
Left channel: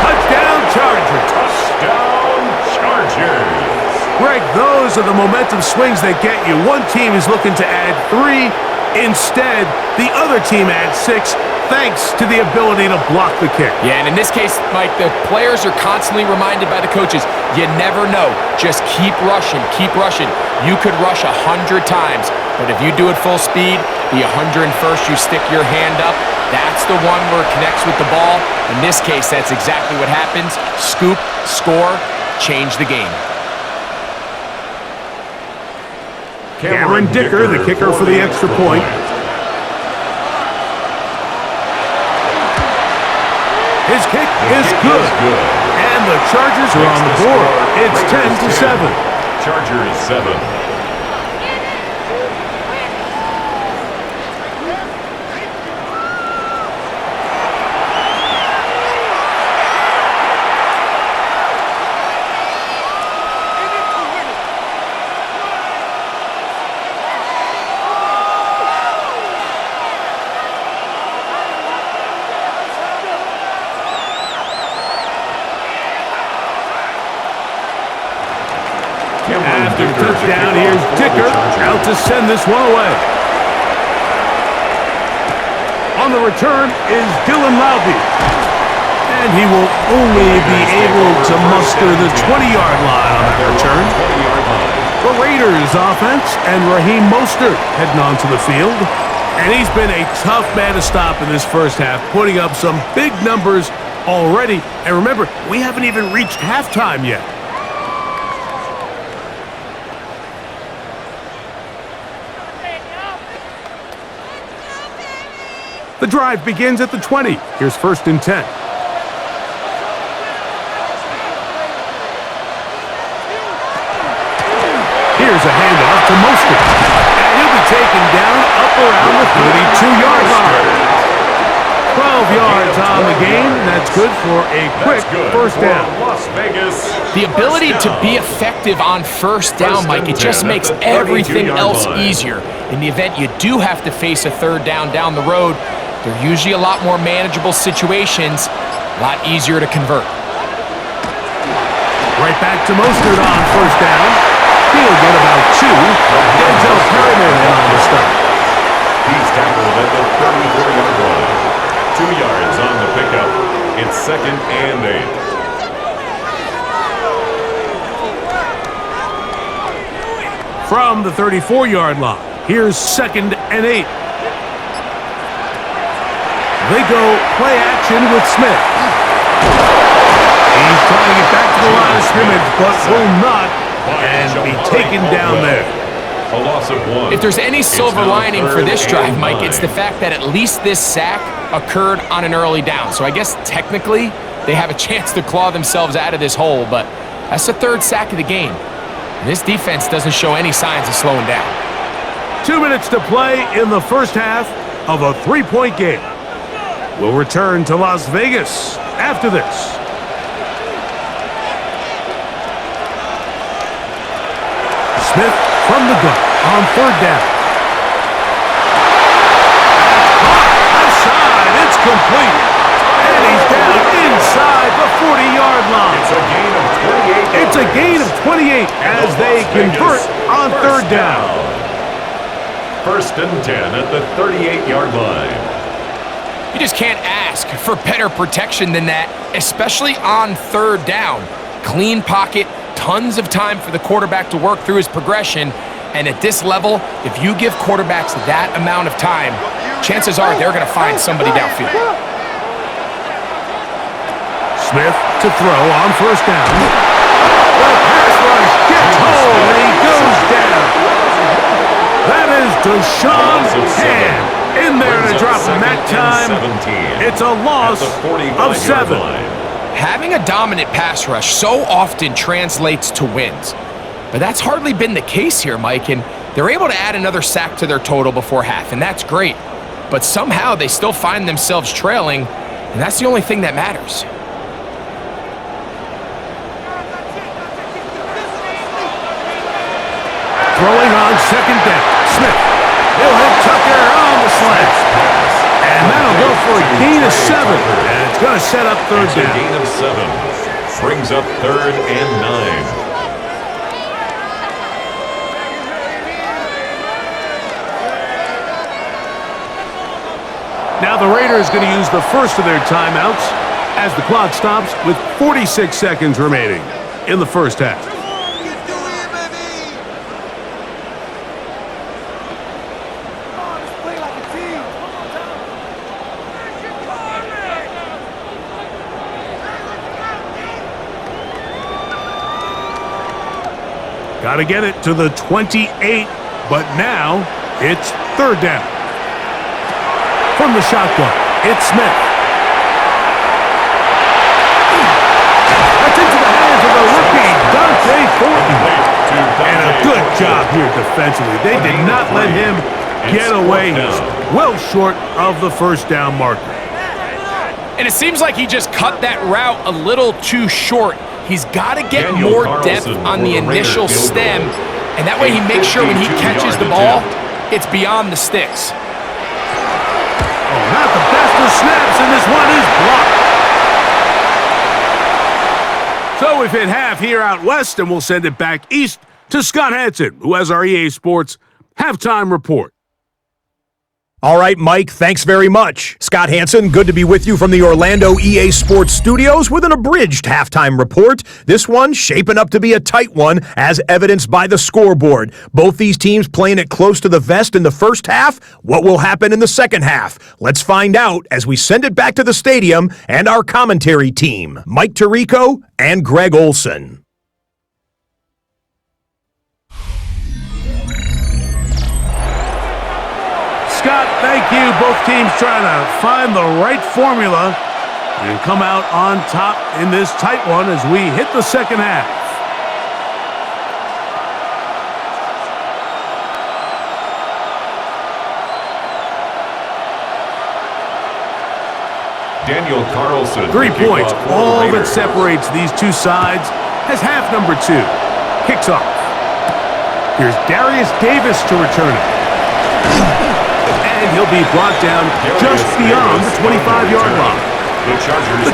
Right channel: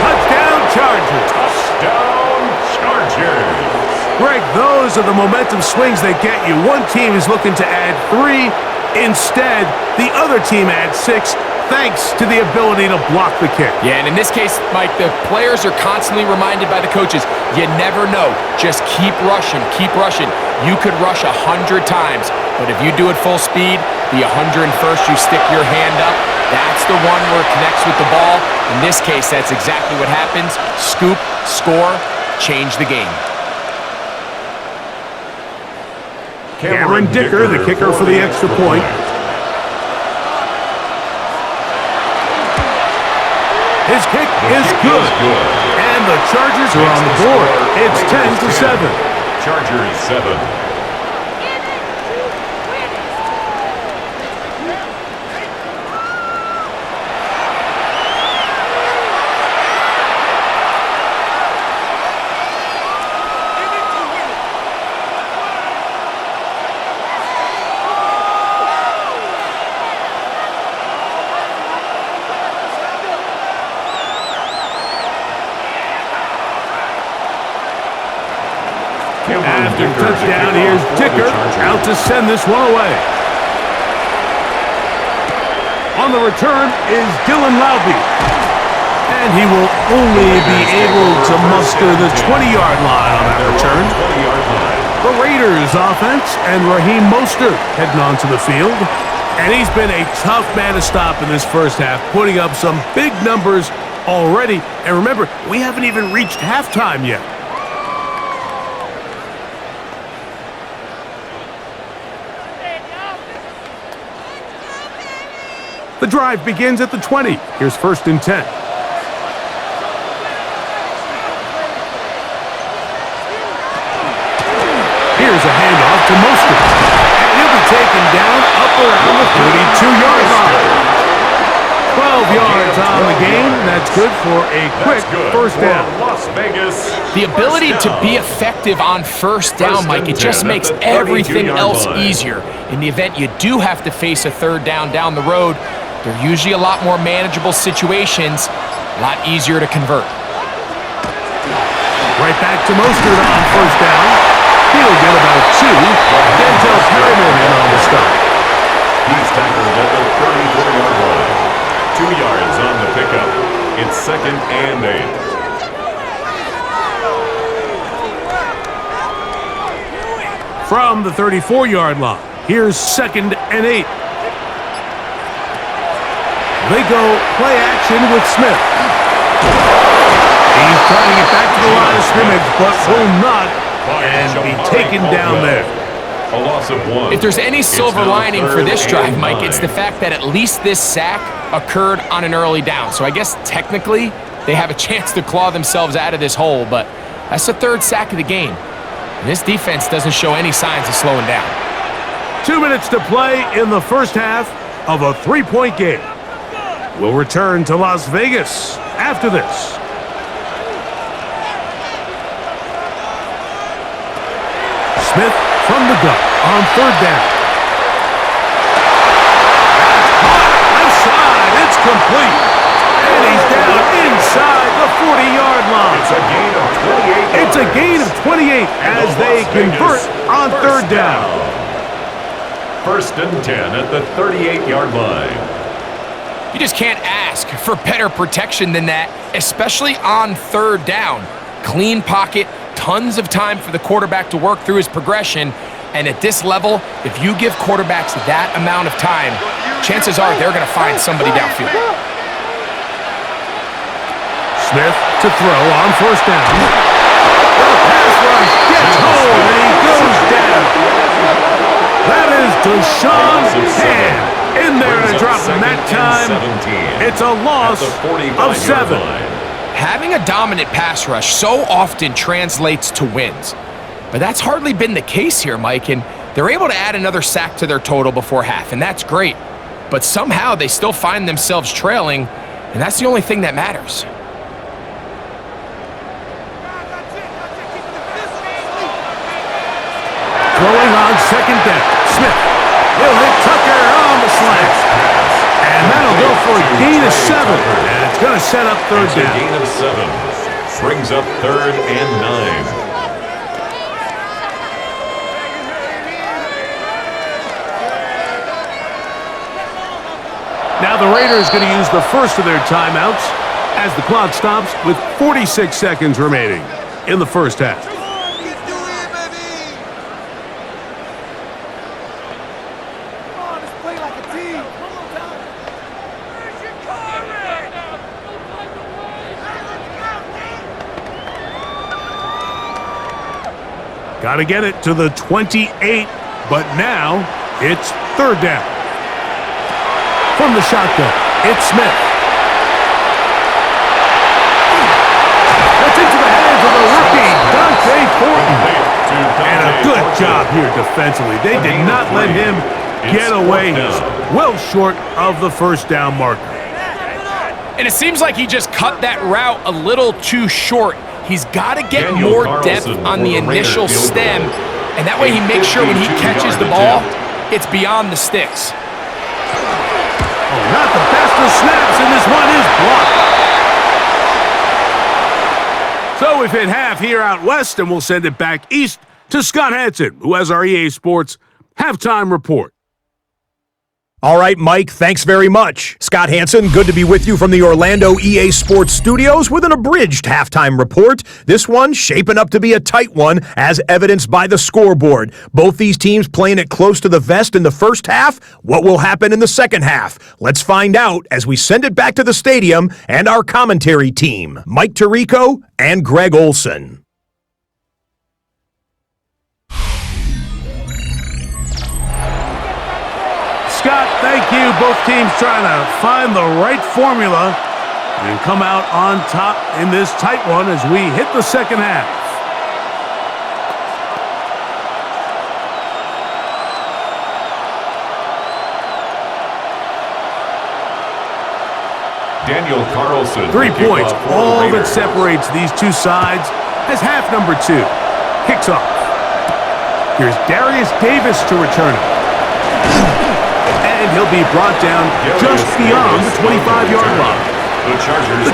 Touchdown Chargers. Touchdown Chargers. Greg, those are the momentum swings that get you. One team is looking to add 3. Instead, the other team adds 6, thanks to the ability to block the kick. Yeah, and in this case, Mike, the players are constantly reminded by the coaches, you never know. Just keep rushing, keep rushing. You could rush 100 times, but if you do it full speed, the 101st you stick your hand up, that's the one where it connects with the ball. In this case, that's exactly what happens. Scoop, score, change the game. Cameron Dicker, the kicker for the extra point. His kick is good. And the Chargers are on the board. It's 10-7. Chargers 7. After touchdown, here's Dicker out to send this one away. On the return is Dylan Laube. And he will only be able to muster the 20-yard line on that return. The Raiders offense and Raheem Mostert heading onto the field. And he's been a tough man to stop in this first half, putting up some big numbers already. And remember, we haven't even reached halftime yet. The drive begins at the 20. Here's 1st and 10. Here's a handoff to Mostert. And he'll be taken down up around the 32-yard line. 12 yards on the game. That's good for a quick first down. Las Vegas. The ability to be effective on first down, Mike, it just makes everything else easier. In the event you do have to face a third down the road, they're usually a lot more manageable situations, a lot easier to convert. Right back to Mostert on first down. He'll get about 2. Denzel Perryman in on the stop. He's tackled at the 34-yard line. 2 yards on the pickup. It's 2nd and 8. From the 34-yard line, here's 2nd and 8. They go play action with Smith. He's trying to get back to the line of scrimmage, but will not, and be taken down there. A loss of 1. If there's any silver lining for this drive, Mike, it's the fact that at least this sack occurred on an early down. So I guess technically they have a chance to claw themselves out of this hole, but that's the 3rd sack of the game. And this defense doesn't show any signs of slowing down. 2 minutes to play in the first half of a 3-point game. We'll return to Las Vegas after this. Smith from the gun on third down. That's caught. Left side. It's complete. And he's down inside the 40-yard line. It's a gain of 28 yards. It's a gain of 28 as they convert on third down. First and 10 at the 38-yard line. You just can't ask for better protection than that, especially on third down. Clean pocket, tons of time for the quarterback to work through his progression. And at this level, if you give quarterbacks that amount of time, chances are they're going to find somebody downfield. Smith to throw on first down. The pass rush gets home and he goes down. That is Deshaun Hand in there to drop him that time. It's a loss of 7. Having a dominant pass rush so often translates to wins. But that's hardly been the case here, Mike, and they're able to add another sack to their total before half, and that's great. But somehow they still find themselves trailing, and that's the only thing that matters. Throwing on second down. Smith. He'll hit Tucker on the slant. And that'll go for a gain of 7. And it's going to set up third down. A gain of 7. Brings up third and 9. Now the Raiders going to use the first of their timeouts as the clock stops with 46 seconds remaining in the first half. Got to get it to the 28, but now it's third down. From the shotgun, it's Smith. That's into the hands of the rookie, Dante Thornton. And a good job here defensively. They did not let him get away. He's well short of the first down marker. And it seems like he just cut that route a little too short. He's got to get more depth on the initial stem, and that way he makes sure when he catches the ball, it's beyond the sticks. Oh, not the best of snaps, and this one is blocked. So we've hit half here out west, and we'll send it back east to Scott Hansen, who has our EA Sports halftime report. All right, Mike, thanks very much. Scott Hansen, good to be with you from the Orlando EA Sports Studios with an abridged halftime report. This one shaping up to be a tight one, as evidenced by the scoreboard. Both these teams playing it close to the vest in the first half. What will happen in the second half? Let's find out as we send it back to the stadium and our commentary team, Mike Tirico and Greg Olson. Scott, thank you. Both teams trying to find the right formula and come out on top in this tight one as we hit the second half. Daniel Carlson. 3 points, all that separates these two sides as half number 2 kicks off. Here's Darius Davis to return it. And he'll be brought down just beyond the 25-yard line. The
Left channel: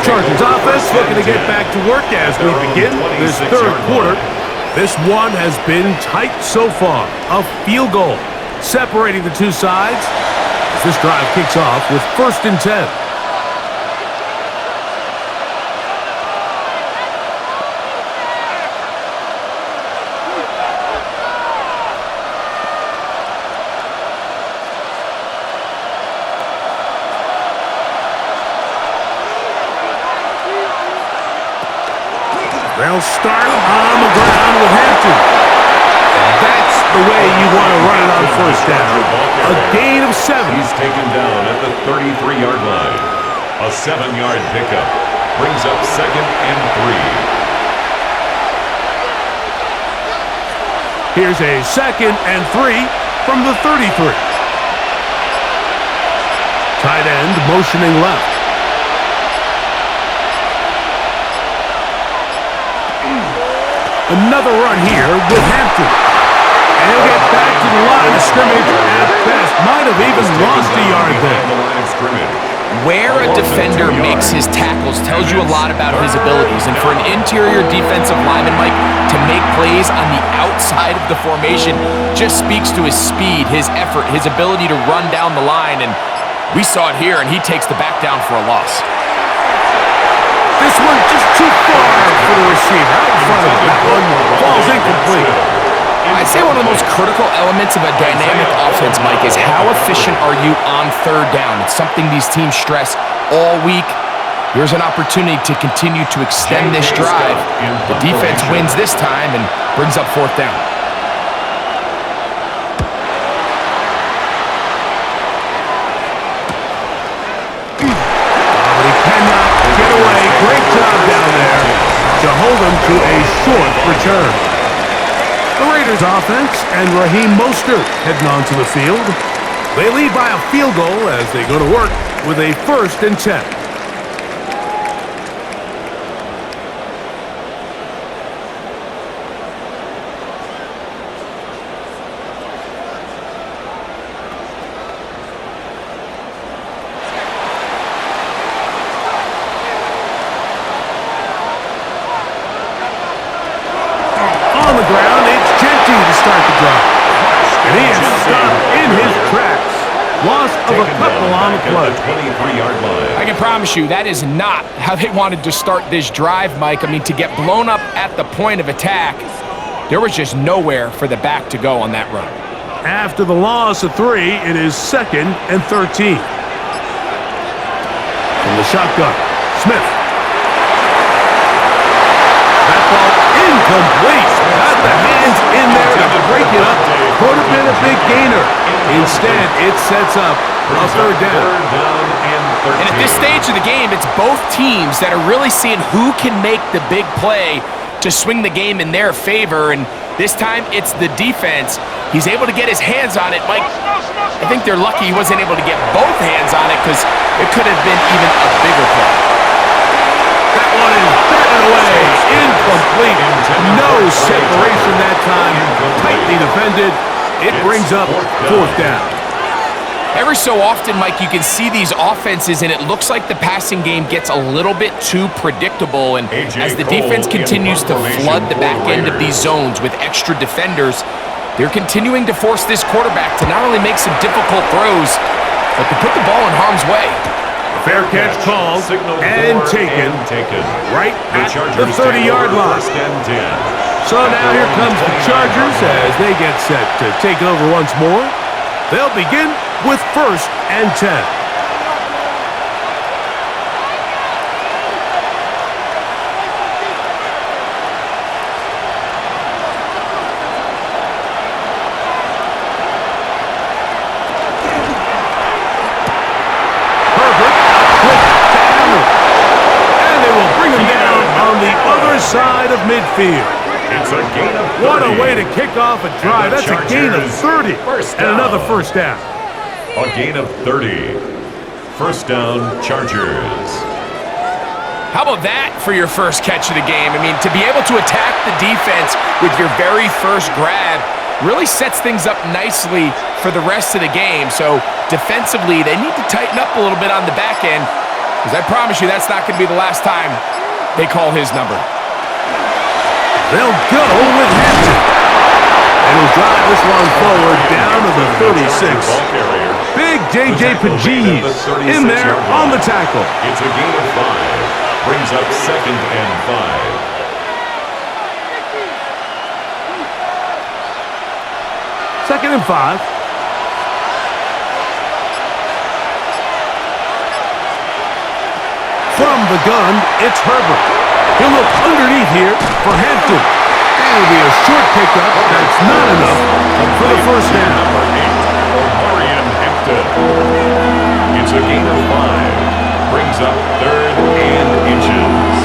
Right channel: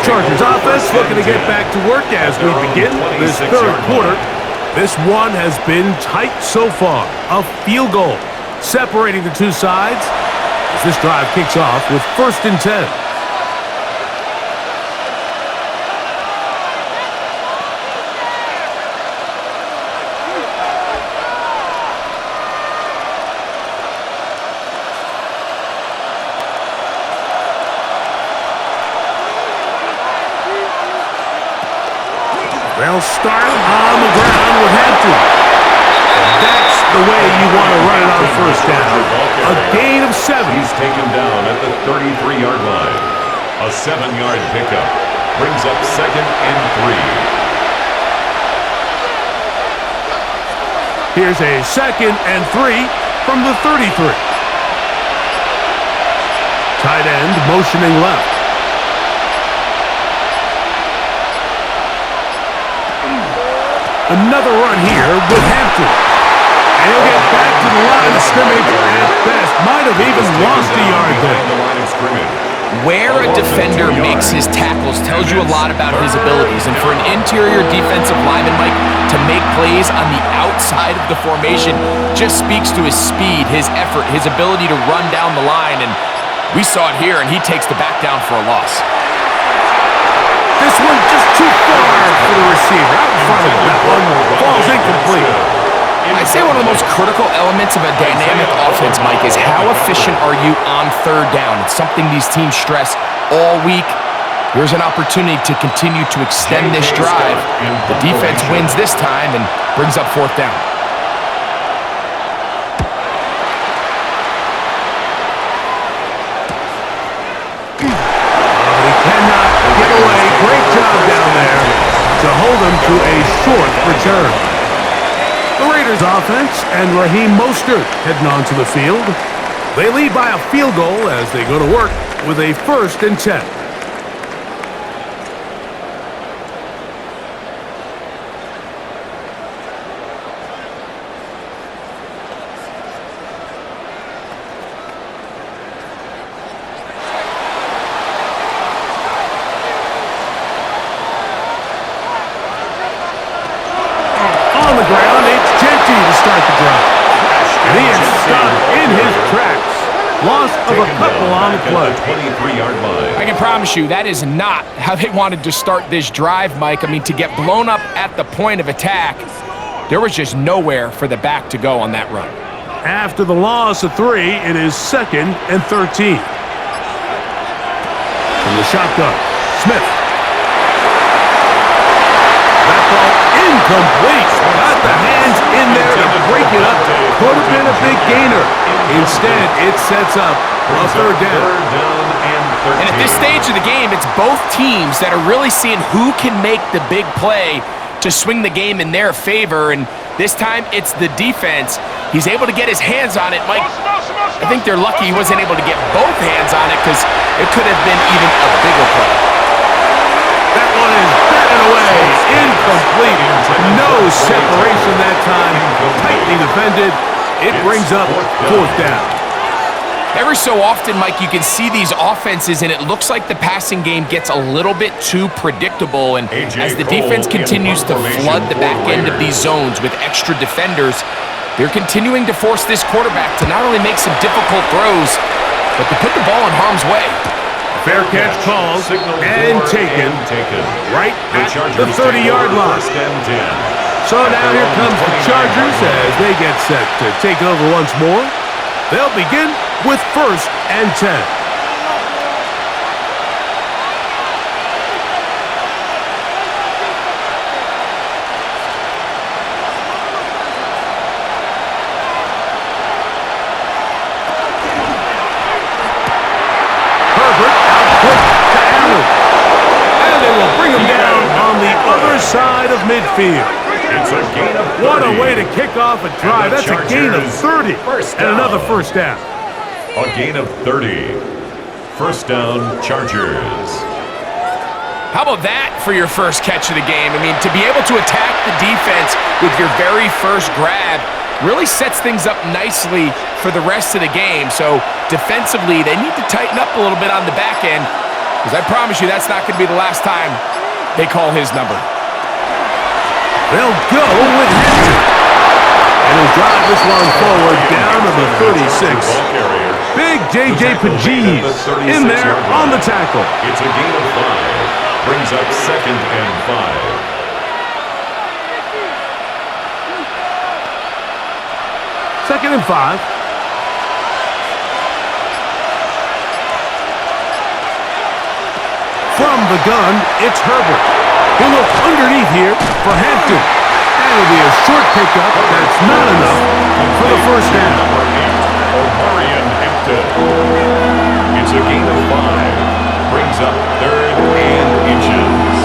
Chargers offense looking to get back to work as we begin this third quarter. This one has been tight so far. A field goal separating the two sides as this drive kicks off with 1st and 10. They'll start on the ground with Hampton. And that's the way you want to run it on first down. A gain of 7. He's taken down at the 33-yard line. A 7-yard pickup brings up 2nd and 3. Here's a 2nd and 3 from the 33. Tight end motioning left. Another run here with Hampton. And he'll get back to the line of scrimmage at best. Might have even lost a yard there. Where a defender makes his tackles tells you a lot about his abilities. And for an interior defensive lineman, Mike, to make plays on the outside of the formation just speaks to his speed, his effort, his ability to run down the line. And we saw it here, and he takes the back down for a loss. This one just too far for the receiver. Out in front of him. That one falls incomplete. I'd say one of the most critical elements of a dynamic offense, Mike, is how efficient are you on third down? It's something these teams stress all week. Here's an opportunity to continue to extend this drive. The defense wins this time and brings up fourth down. But he cannot get away. Great job down there to hold him to a short return. The Raiders offense and Raheem Mostert heading onto the field. They lead by a field goal as they go to work with a 1st and 10. On the ground, it's Genty to start the drive. And he is stopped in his tracks. Loss of a couple on the play. 23-yard line. I can promise you that is not how they wanted to start this drive, Mike. I mean, to get blown up at the point of attack, there was just nowhere for the back to go on that run. After the loss of 3, it is 2nd and 13. From the shotgun, Smith. That ball incomplete. Got the hands in there to break it up. Could have been a big gainer. Instead, it sets up a 3rd down. And at this stage of the game, it's both teams that are really seeing who can make the big play to swing the game in their favor. And this time, it's the defense. He's able to get his hands on it. Mike, I think they're lucky he wasn't able to get both hands on it because it could have been even a bigger play. That one is batted away. Incomplete. No separation that time. Tightly defended. It brings up 4th down. Every so often, Mike, you can see these offenses, and it looks like the passing game gets a little bit too predictable. And as the defense continues to flood the back end of these zones with extra defenders, they're continuing to force this quarterback to not only make some difficult throws, but to put the ball in harm's way. Fair catch called and taken right at the 30-yard line. So now here comes the Chargers as they get set to take it over once more. They'll begin with 1st and 10. Herbert out quick to Allen. And they will bring him down on the other side of midfield. It's a gain of 30. What a way to kick off a drive. That's a gain of 30. And another 1st down. A gain of 30. 1st down, Chargers. How about that for your first catch of the game? I mean, to be able to attack the defense with your very first grab really sets things up nicely for the rest of the game. So defensively, they need to tighten up a little bit on the back end, because I promise you that's not going to be the last time they call his number. They'll go with Hampton. And he'll drive this one forward down to the 36. Big J.J. Pajees in there on the tackle. It's a gain of 5. Brings up 2nd and 5. Second and 5. From the gun, it's Herbert. He'll look underneath here for Hampton. And it'll be a short pickup. That's not enough for the 1st down. Number 8, Omarion Hampton. It's a gain of 5. Brings up 3rd and inches.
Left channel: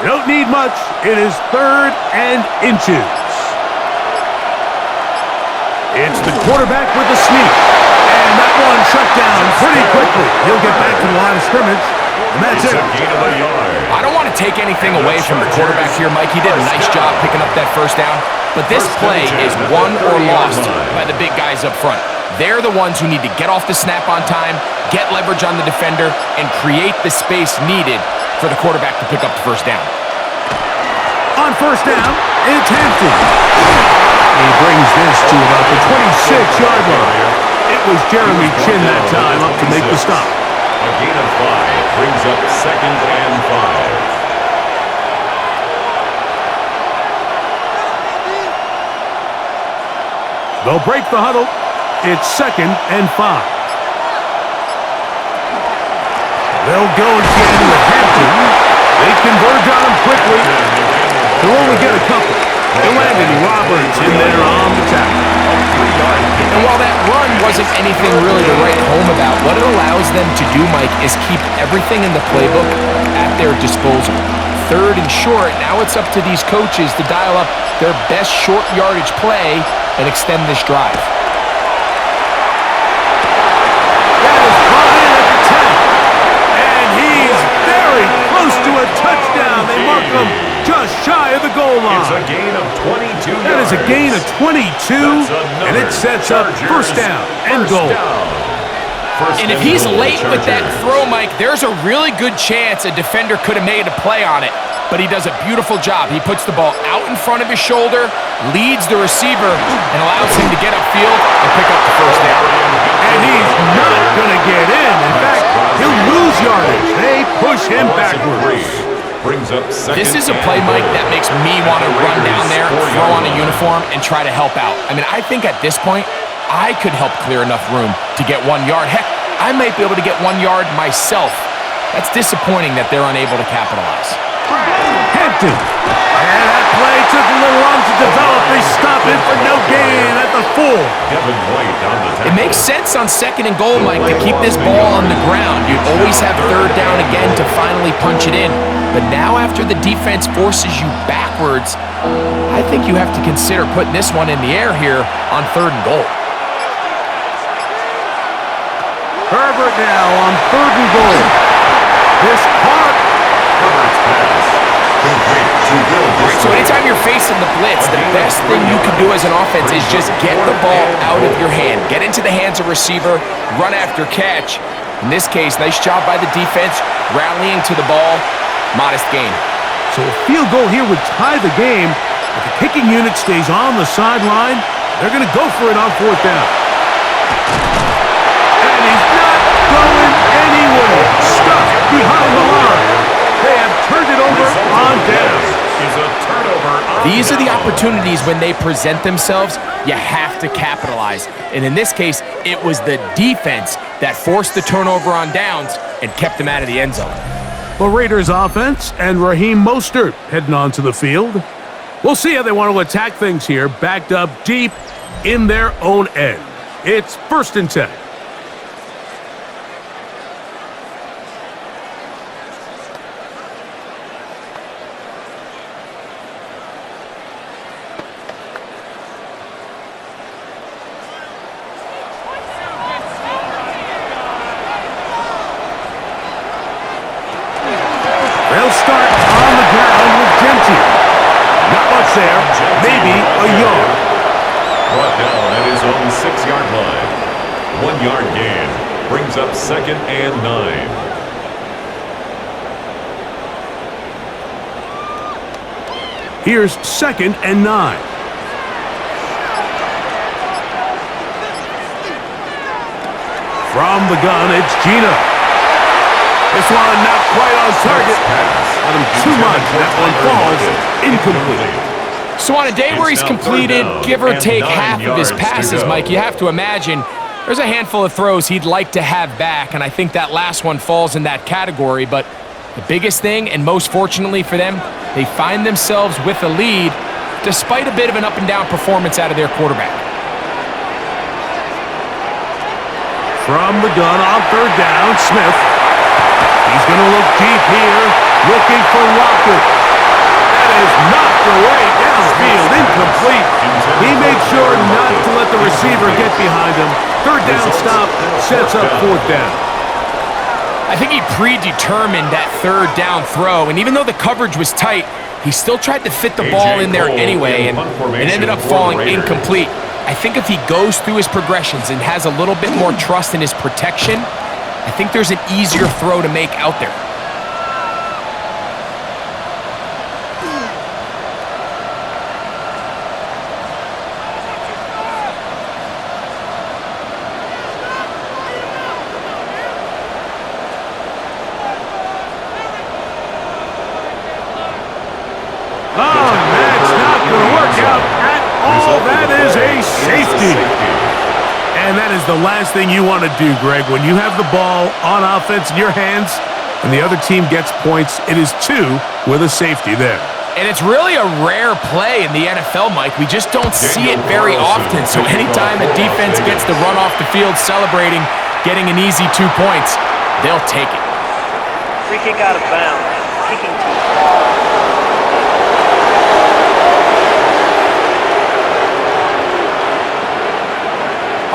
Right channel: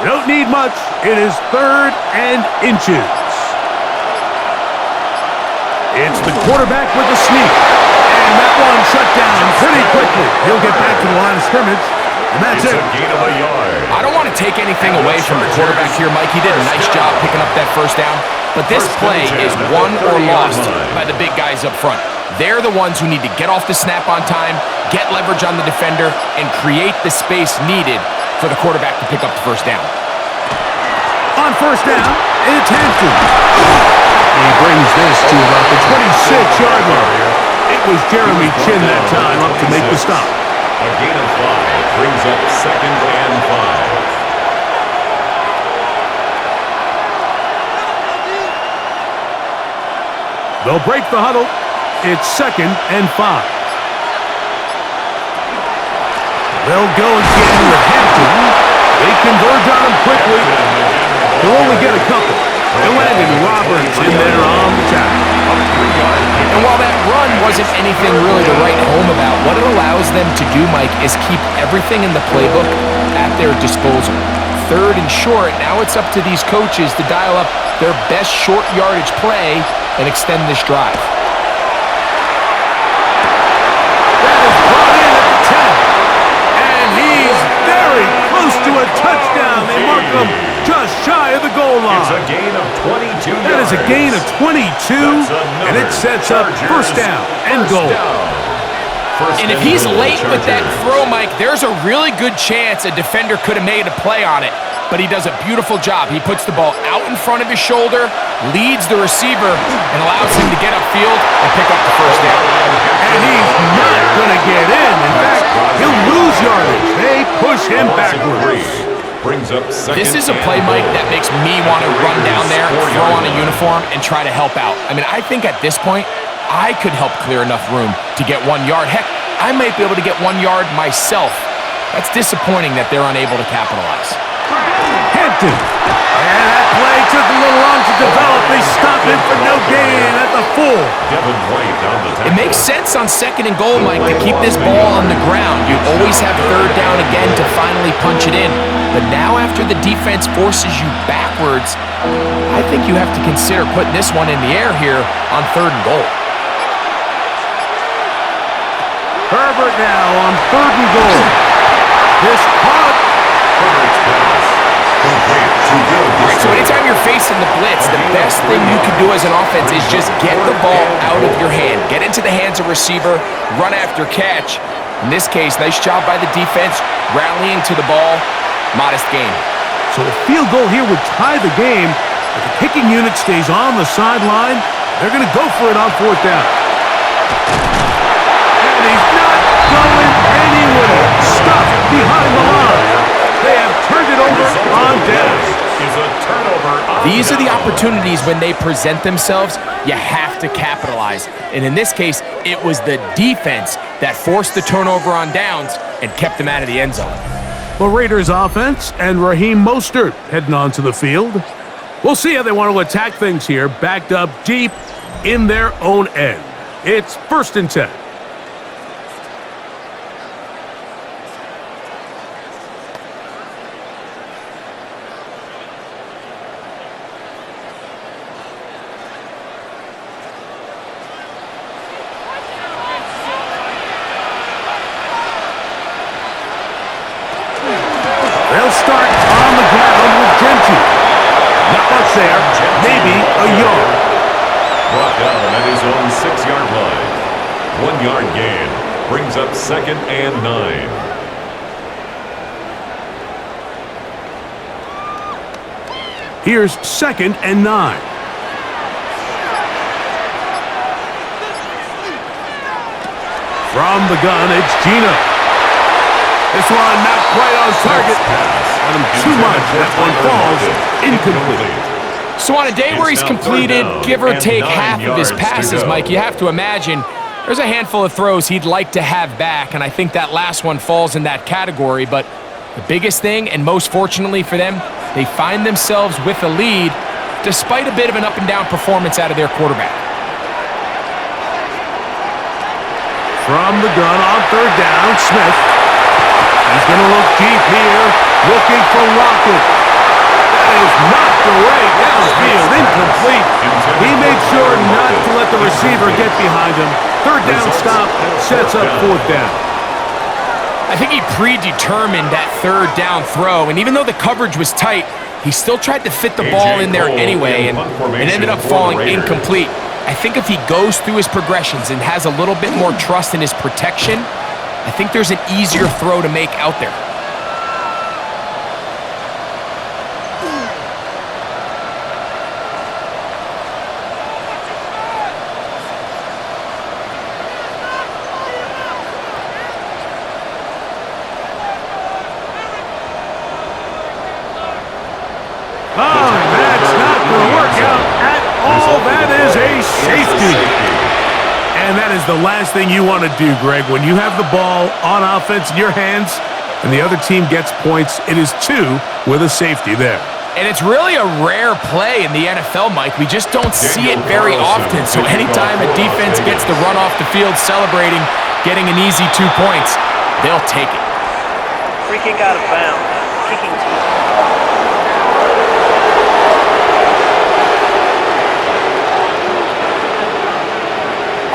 You don't need much. It is 3rd and inches. It's the quarterback with the sneak. And that one shut down pretty quickly. He'll get back to the line of scrimmage. And that's it. A gain of a yard. I don't want to take anything away from the quarterback here, Mike. He did a nice job picking up that first down. But this play is won or lost by the big guys up front. They're the ones who need to get off the snap on time, get leverage on the defender, and create the space needed for the quarterback to pick up the first down. On first down, it's Hampton. He brings this to about the 26-yard line. It was Jeremy Chin that time up to make the stop. A gain of 5 brings up 2nd and 5. They'll break the huddle. It's 2nd and 5. They'll go again with Hampton. They converge on him quickly. They'll only get a couple. They landed Roberts in there on the tackle. And while that run wasn't anything really to write home about, what it allows them to do, Mike, is keep everything in the playbook at their disposal. 3rd and short, now it's up to these coaches to dial up their best short yardage play and extend this drive. That is brought in at the 10. And he's very close to a touchdown. They mark him just shy of the goal line. It's a gain of 22 yards. That is a gain of 22, and it sets up first down and goal. And if he's late with that throw, Mike, there's a really good chance a defender could have made a play on it. But he does a beautiful job. He puts the ball out in front of his shoulder, leads the receiver, and allows him to get upfield and pick up the first down. And he's not going to get in. In fact, he'll lose yardage. They push him backwards. Brings up this is a play, Mike, that makes me want to run down there, throw on a uniform, and try to help out. I mean, I think at this point, I could help clear enough room to get 1 yard. Heck, I might be able to get 1 yard myself. That's disappointing that they're unable to capitalize. Hampton. And that play took a little long to develop. They stop him for no gain at the 4. Devin White on the tackle. It makes sense on 2nd and goal, Mike, to keep this ball on the ground. You always have 3rd down again to finally punch it in. But now after the defense forces you backwards, I think you have to consider putting this one in the air here on 3rd and goal. Herbert now on 3rd and goal. This caught. Herbert's pass. Complete to Will. All right, so anytime you're facing the blitz, the best thing you can do as an offense is just get the ball out of your hand. Get into the hands of receiver, run after catch. In this case, nice job by the defense, rallying to the ball. Modest gain. So a field goal here would tie the game. If the kicking unit stays on the sideline, they're going to go for it on 4th down. And he's not going anywhere. Stuck behind the line. They have turned it over on downs. These are the opportunities when they present themselves, you have to capitalize. And in this case, it was the defense that forced the turnover on downs and kept them out of the end zone. The Raiders offense and Raheem Mostert heading onto the field. We'll see how they want to attack things here, backed up deep in their own end. It's 1st and 10. They'll start on the ground with Gentile. Not much there, maybe a yard. Brought down at his own 6-yard line. 1 yard gain brings up 2nd and 9. Here's 2nd and 9. From the gun, it's Gino. This one not quite on target. Let him too much. That one falls incomplete. So on a day where he's completed, give or take half of his passes, Mike, you have to imagine there's a handful of throws he'd like to have back, and I think that last one falls in that category. But the biggest thing, and most fortunately for them, they find themselves with a lead despite a bit of an up-and-down performance out of their quarterback. From the gun on 3rd down, Smith. He's going to look deep here, looking for Lockett. is knocked away downfield, incomplete. He made sure not to let the receiver get behind him. Third down stop sets up fourth down. I think he predetermined that third down throw, and even though the coverage was tight, he still tried to fit the ball in there anyway, and it ended up falling incomplete. I think if he goes through his progressions and has a little bit more trust in his protection, I think there's an easier throw to make out there. Oh, that's not going to work out at all. That is a safety. And that is the last thing you want to do, Greg. When you have the ball on offense in your hands and the other team gets points, it is 2 with a safety there. And it's really a rare play in the NFL, Mike. We just don't see it very often. So anytime a defense gets to run off the field celebrating, getting an easy 2 points, they'll take it. Free kick out of bounds. Kicking team.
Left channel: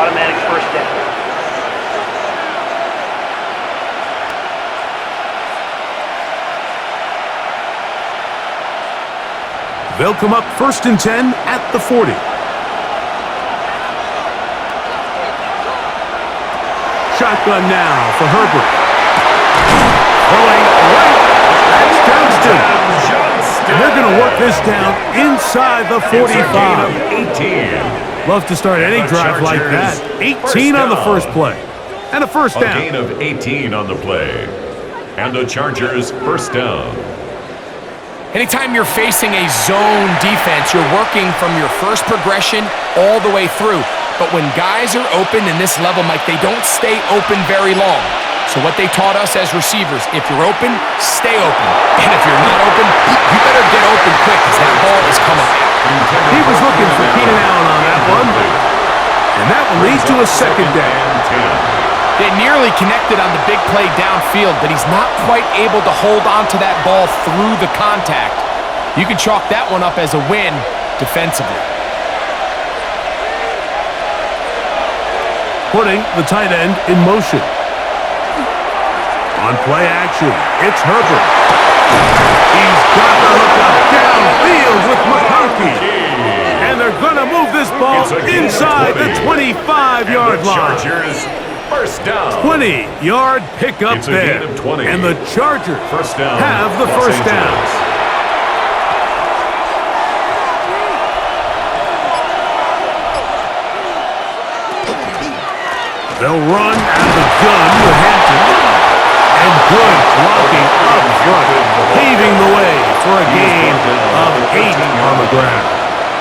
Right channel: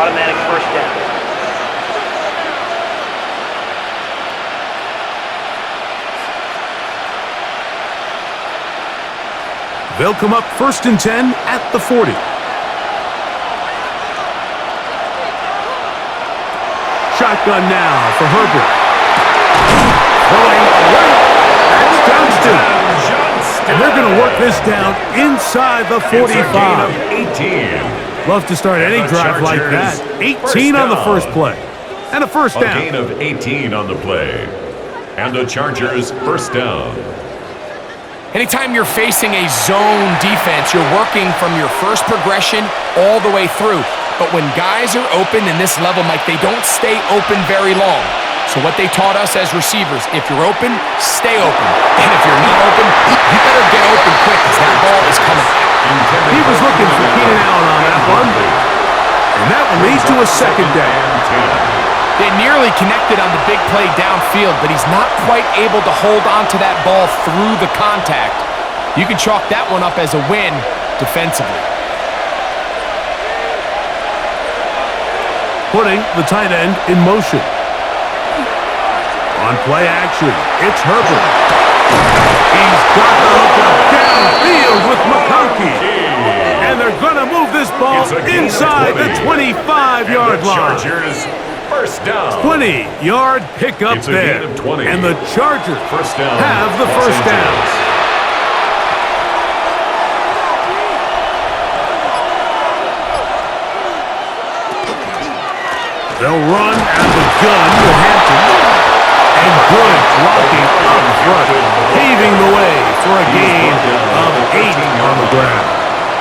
Automatic first down. They'll come up 1st and 10 at the 40. Shotgun now for Herbert. Throwing right. That's Johnston. And they're going to work this down inside the 45. 18. Love to start any drive like that. 18 on the first play. And a first down. A gain of 18 on the play. And the Chargers first down. Anytime you're facing a zone defense, you're working from your first progression all the way through. But when guys are open in this level, Mike, they don't stay open very long. So what they taught us as receivers, if you're open, stay open. And if you're not open, you better get open quick because that ball is coming out. He was looking for Keenan Allen on that one. And that will lead to a second down. They nearly connected on the big play downfield, but he's not quite able to hold on to that ball through the contact. You can chalk that one up as a win defensively. Putting the tight end in motion. On play action, it's Herbert. He's got the hookup downfield with McConkey. And they're going to move this ball inside the 25-yard line. Chargers first down. 20-yard pickup there. And the Chargers first down, have the first down. They'll run out of the gun with Hampton. And good blocking up front, paving the way for a gain of 8 on the ground.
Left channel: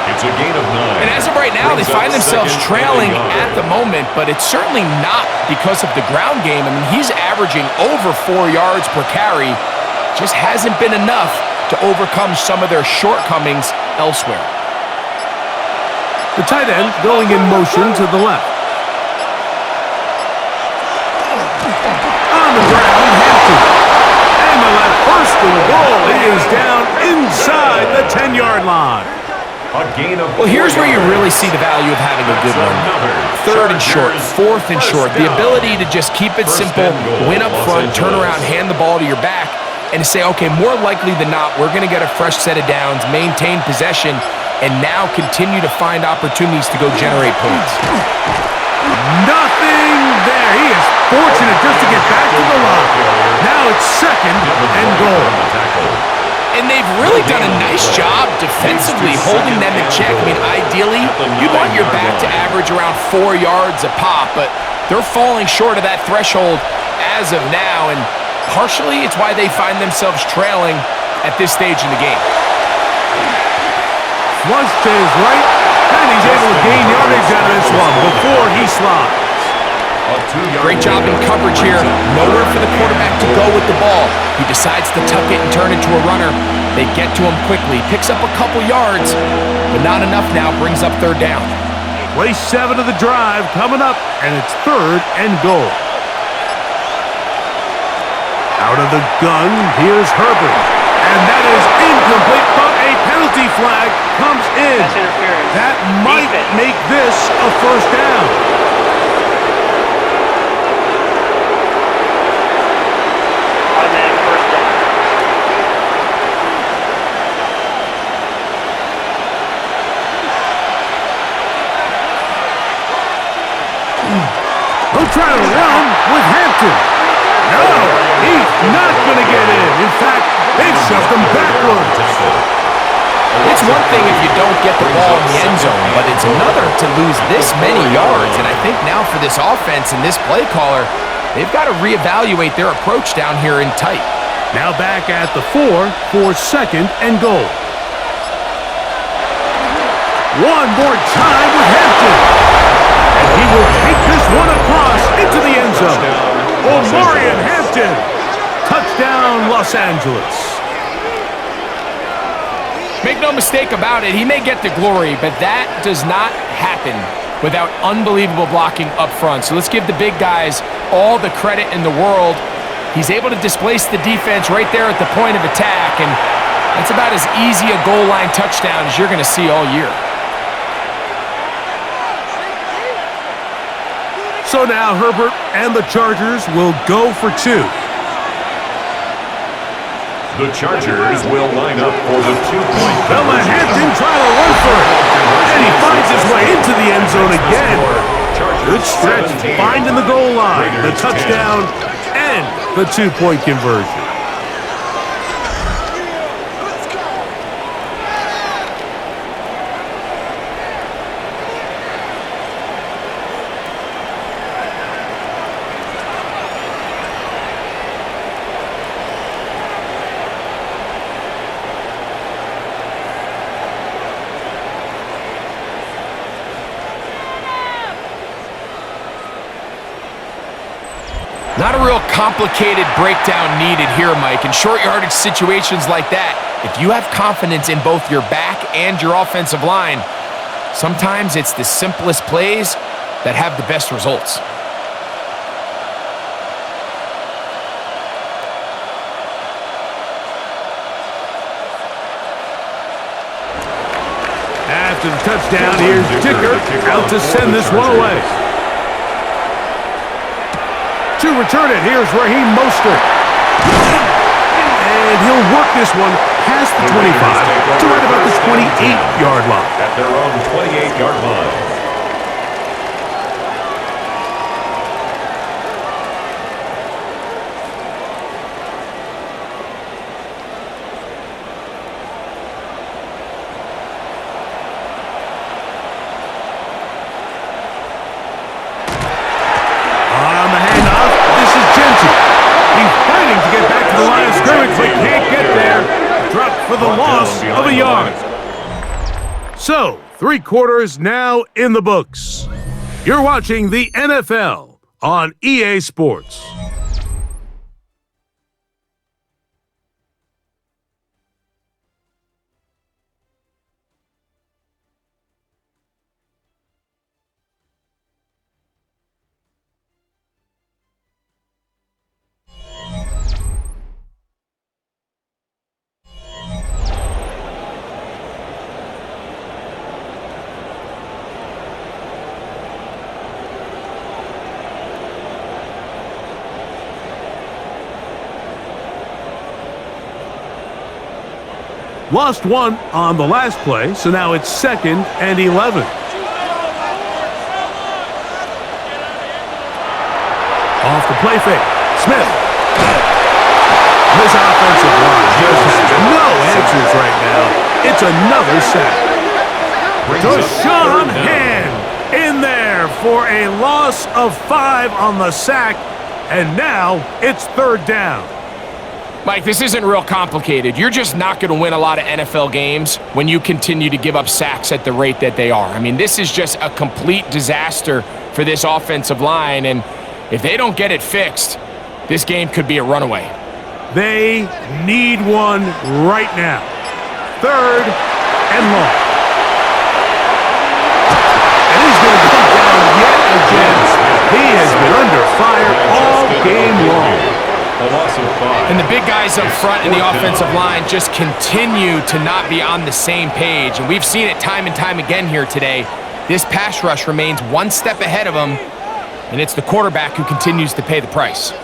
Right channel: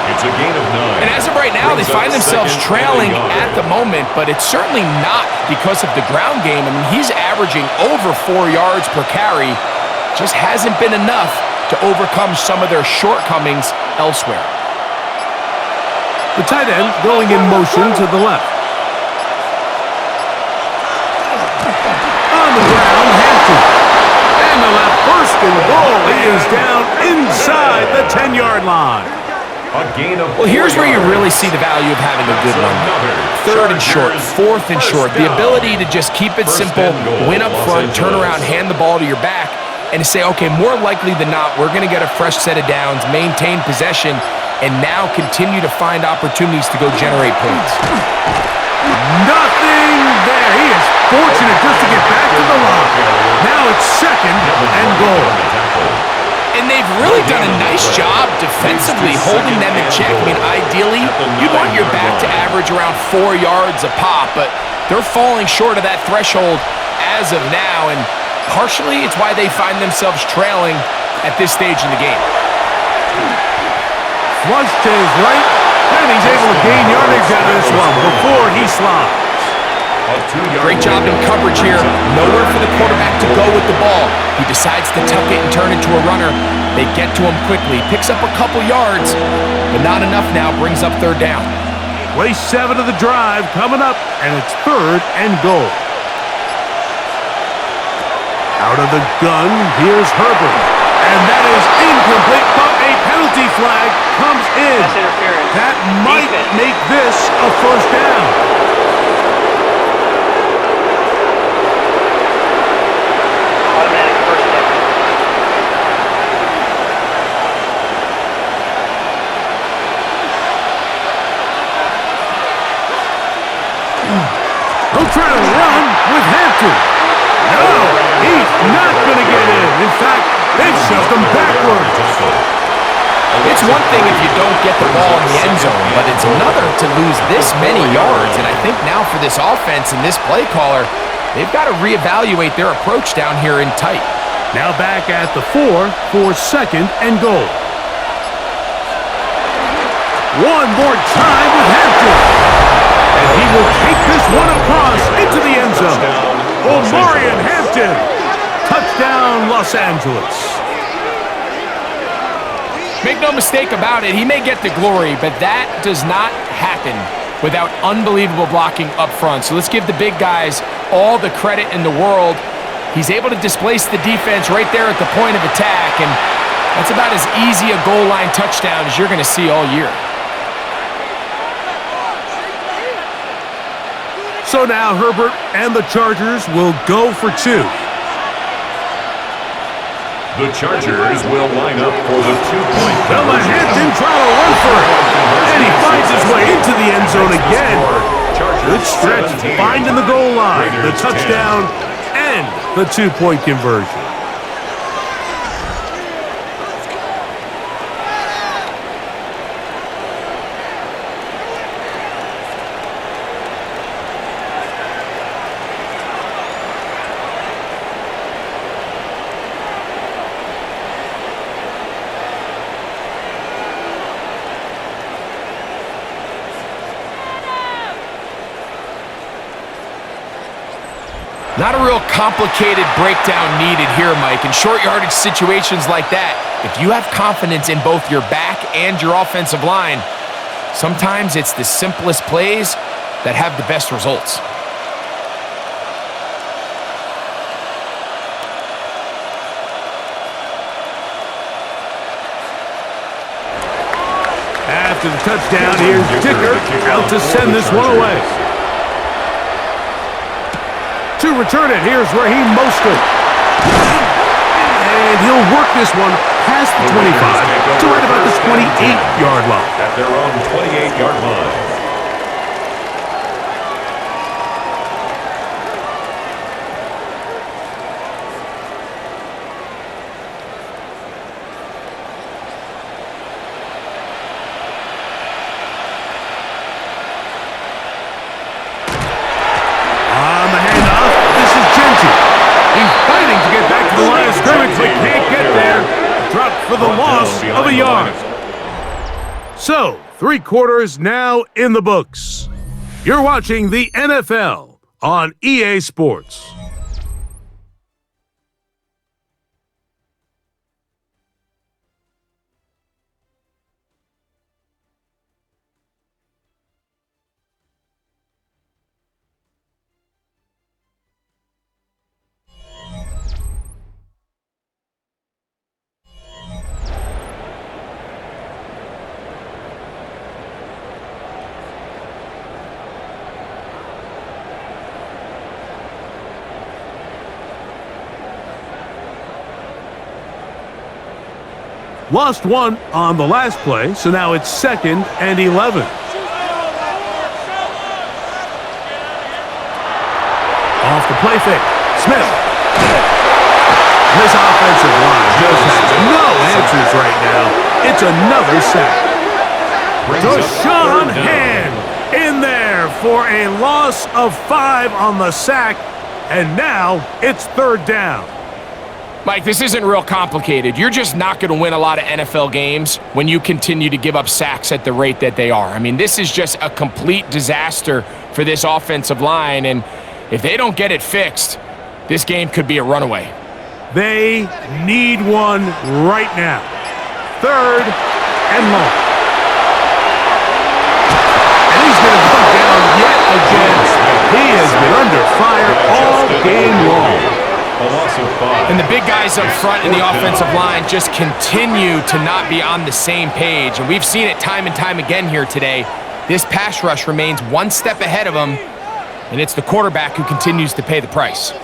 It's a gain of 9. And as of right now, they find themselves trailing at the moment, but it's certainly not because of the ground game. I mean, he's averaging over 4 yards per carry. Just hasn't been enough to overcome some of their shortcomings elsewhere. The tight end going in motion to the left. On the ground, Hampton. And the left first and goal. He is down inside the 10-yard line. Well, here's where you really see the value of having a good one. 3rd and short, 4th and short. The ability to just keep it simple, win up front, turn around, hand the ball to your back, and to say, okay, more likely than not, we're going to get a fresh set of downs, maintain possession, and now continue to find opportunities to go generate points. Nothing there. He is fortunate just to get back to the line. Now it's 2nd and goal. And they've really done a nice job defensively holding them in check. I mean, ideally, you'd want your back to average around 4 yards a pop, but they're falling short of that threshold as of now, and partially it's why they find themselves trailing at this stage in the game. Flush to his right, and he's able to gain yardage out of this one before he slides. Great job in coverage here. Nowhere for the quarterback to go with the ball. He decides to tuck it and turn into a runner. They get to him quickly. Picks up a couple yards, but not enough now. Brings up 3rd down. Play 7 of the drive coming up, and it's 3rd and goal. Out of the gun, here's Herbert. And that is incomplete, but a penalty flag comes in. Pass interference. That might Defense. make this a first down. Automatic first down. They'll try to run with Hampton. No, he's not going to get in. In fact, they've shoved him backwards. It's one thing if you don't get the ball in the end zone, but it's another to lose this many yards. And I think now for this offense and this play caller, they've got to reevaluate their approach down here in tight. Now back at the 4 for second and goal. One more time with Hampton. And he will take this one across into the end zone. Omarion Hampton. Touchdown, Los Angeles. Make no mistake about it, he may get the glory, but that does not happen without unbelievable blocking up front. So let's give the big guys all the credit in the world. He's able to displace the defense right there at the point of attack, and that's about as easy a goal line touchdown as you're going to see all year. So now Herbert and the Chargers will go for 2. The Chargers will line up for the 2-point Bella conversion. Hampton trying to run for it. And he finds his way into the end zone again. Good stretch, finding the goal line, the touchdown, and the 2-point conversion. Not a real complicated breakdown needed here, Mike. In short yardage situations like that, if you have confidence in both your back and your offensive line, sometimes it's the simplest plays that have the best results. After the touchdown, here's Dicker out to send this one away. To return it, here's Raheem Mostert. And he'll work this one past the 25 to right about the 28-yard line. At their own 28-yard line. He's fighting to get back to the line of scrimmage, but can't get there. Dropped for the loss of a yard. So, 3 quarters now in the books. You're watching the NFL on EA Sports. Lost one on the last play, so now it's 2nd and 11. Off the play fake. Smith. This offensive line just has no answers right now. It's another sack. Deshaun Hand in there for a loss of 5 on the sack, and now it's 3rd down. Mike, this isn't real complicated. You're just not going to win a lot of NFL games when you continue to give up sacks at the rate that they are. I mean, this is just a complete disaster for this offensive line, and if they don't get it fixed, this game could be a runaway. They need one right now. 3rd and long. And he's going to come down yet again. He has been under fire all game long. A loss of 5. And the big guys up front in the offensive line just continue to not be on the same page. And we've seen it time and time again here today. This pass rush remains one step ahead of them, and it's the quarterback who continues to pay the price.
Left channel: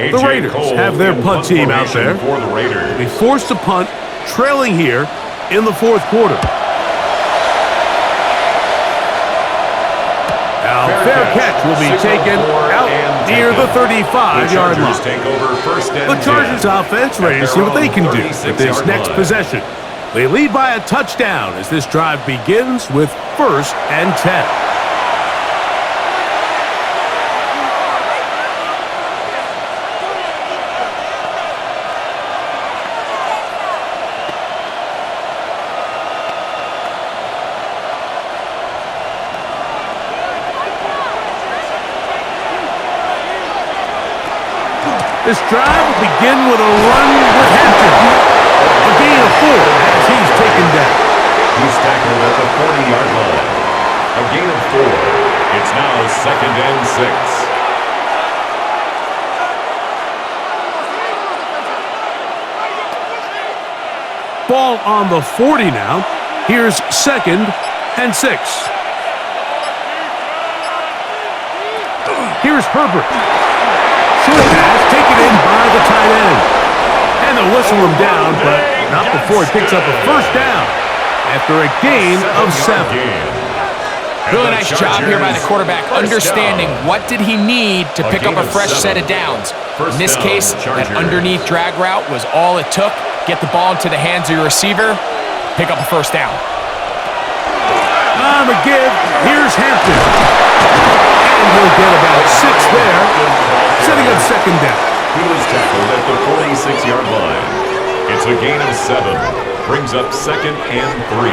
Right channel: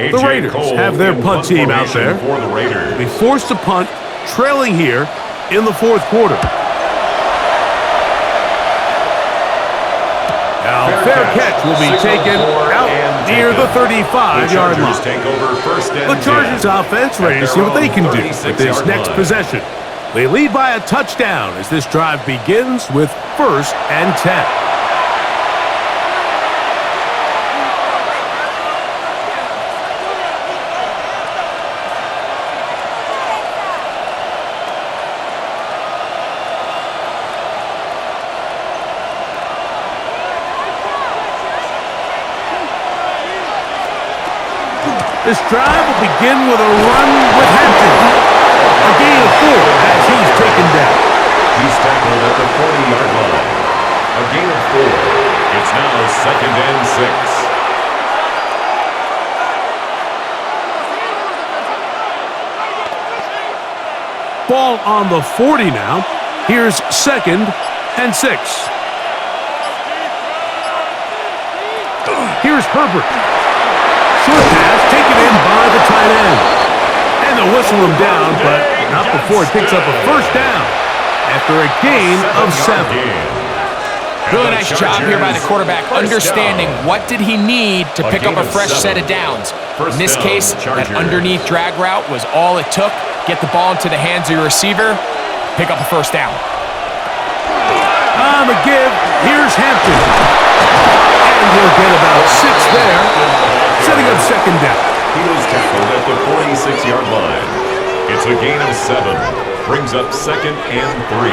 The Raiders have their punt team out there. For the Raiders. They forced to punt, trailing here in the fourth quarter. Now, fair catch will be taken out near the 35-yard line. The Chargers offense ready to see what they can do with this next possession. They lead by a touchdown as this drive begins with 1st and 10. This drive will begin with a run with Hampton. A gain of 4 as he's taken down. He's tackled at the 40-yard line. A gain of 4. It's now 2nd and 6. Ball on the 40 now. Here's 2nd and 6. Here's Herbert. Short pass taken in by the tight end. And they'll whistle him down, but not before it picks up a 1st down after a gain of 7. Really nice job here by the quarterback, understanding what did he need to pick up a fresh set of downs. In this case, that underneath drag route was all it took. Get the ball into the hands of your receiver, pick up a 1st down. On the give, here's Hampton. And he'll get about 6 there, setting up 2nd down. He was tackled at the 46-yard line. It's a gain of 7. Brings up 2nd and 3.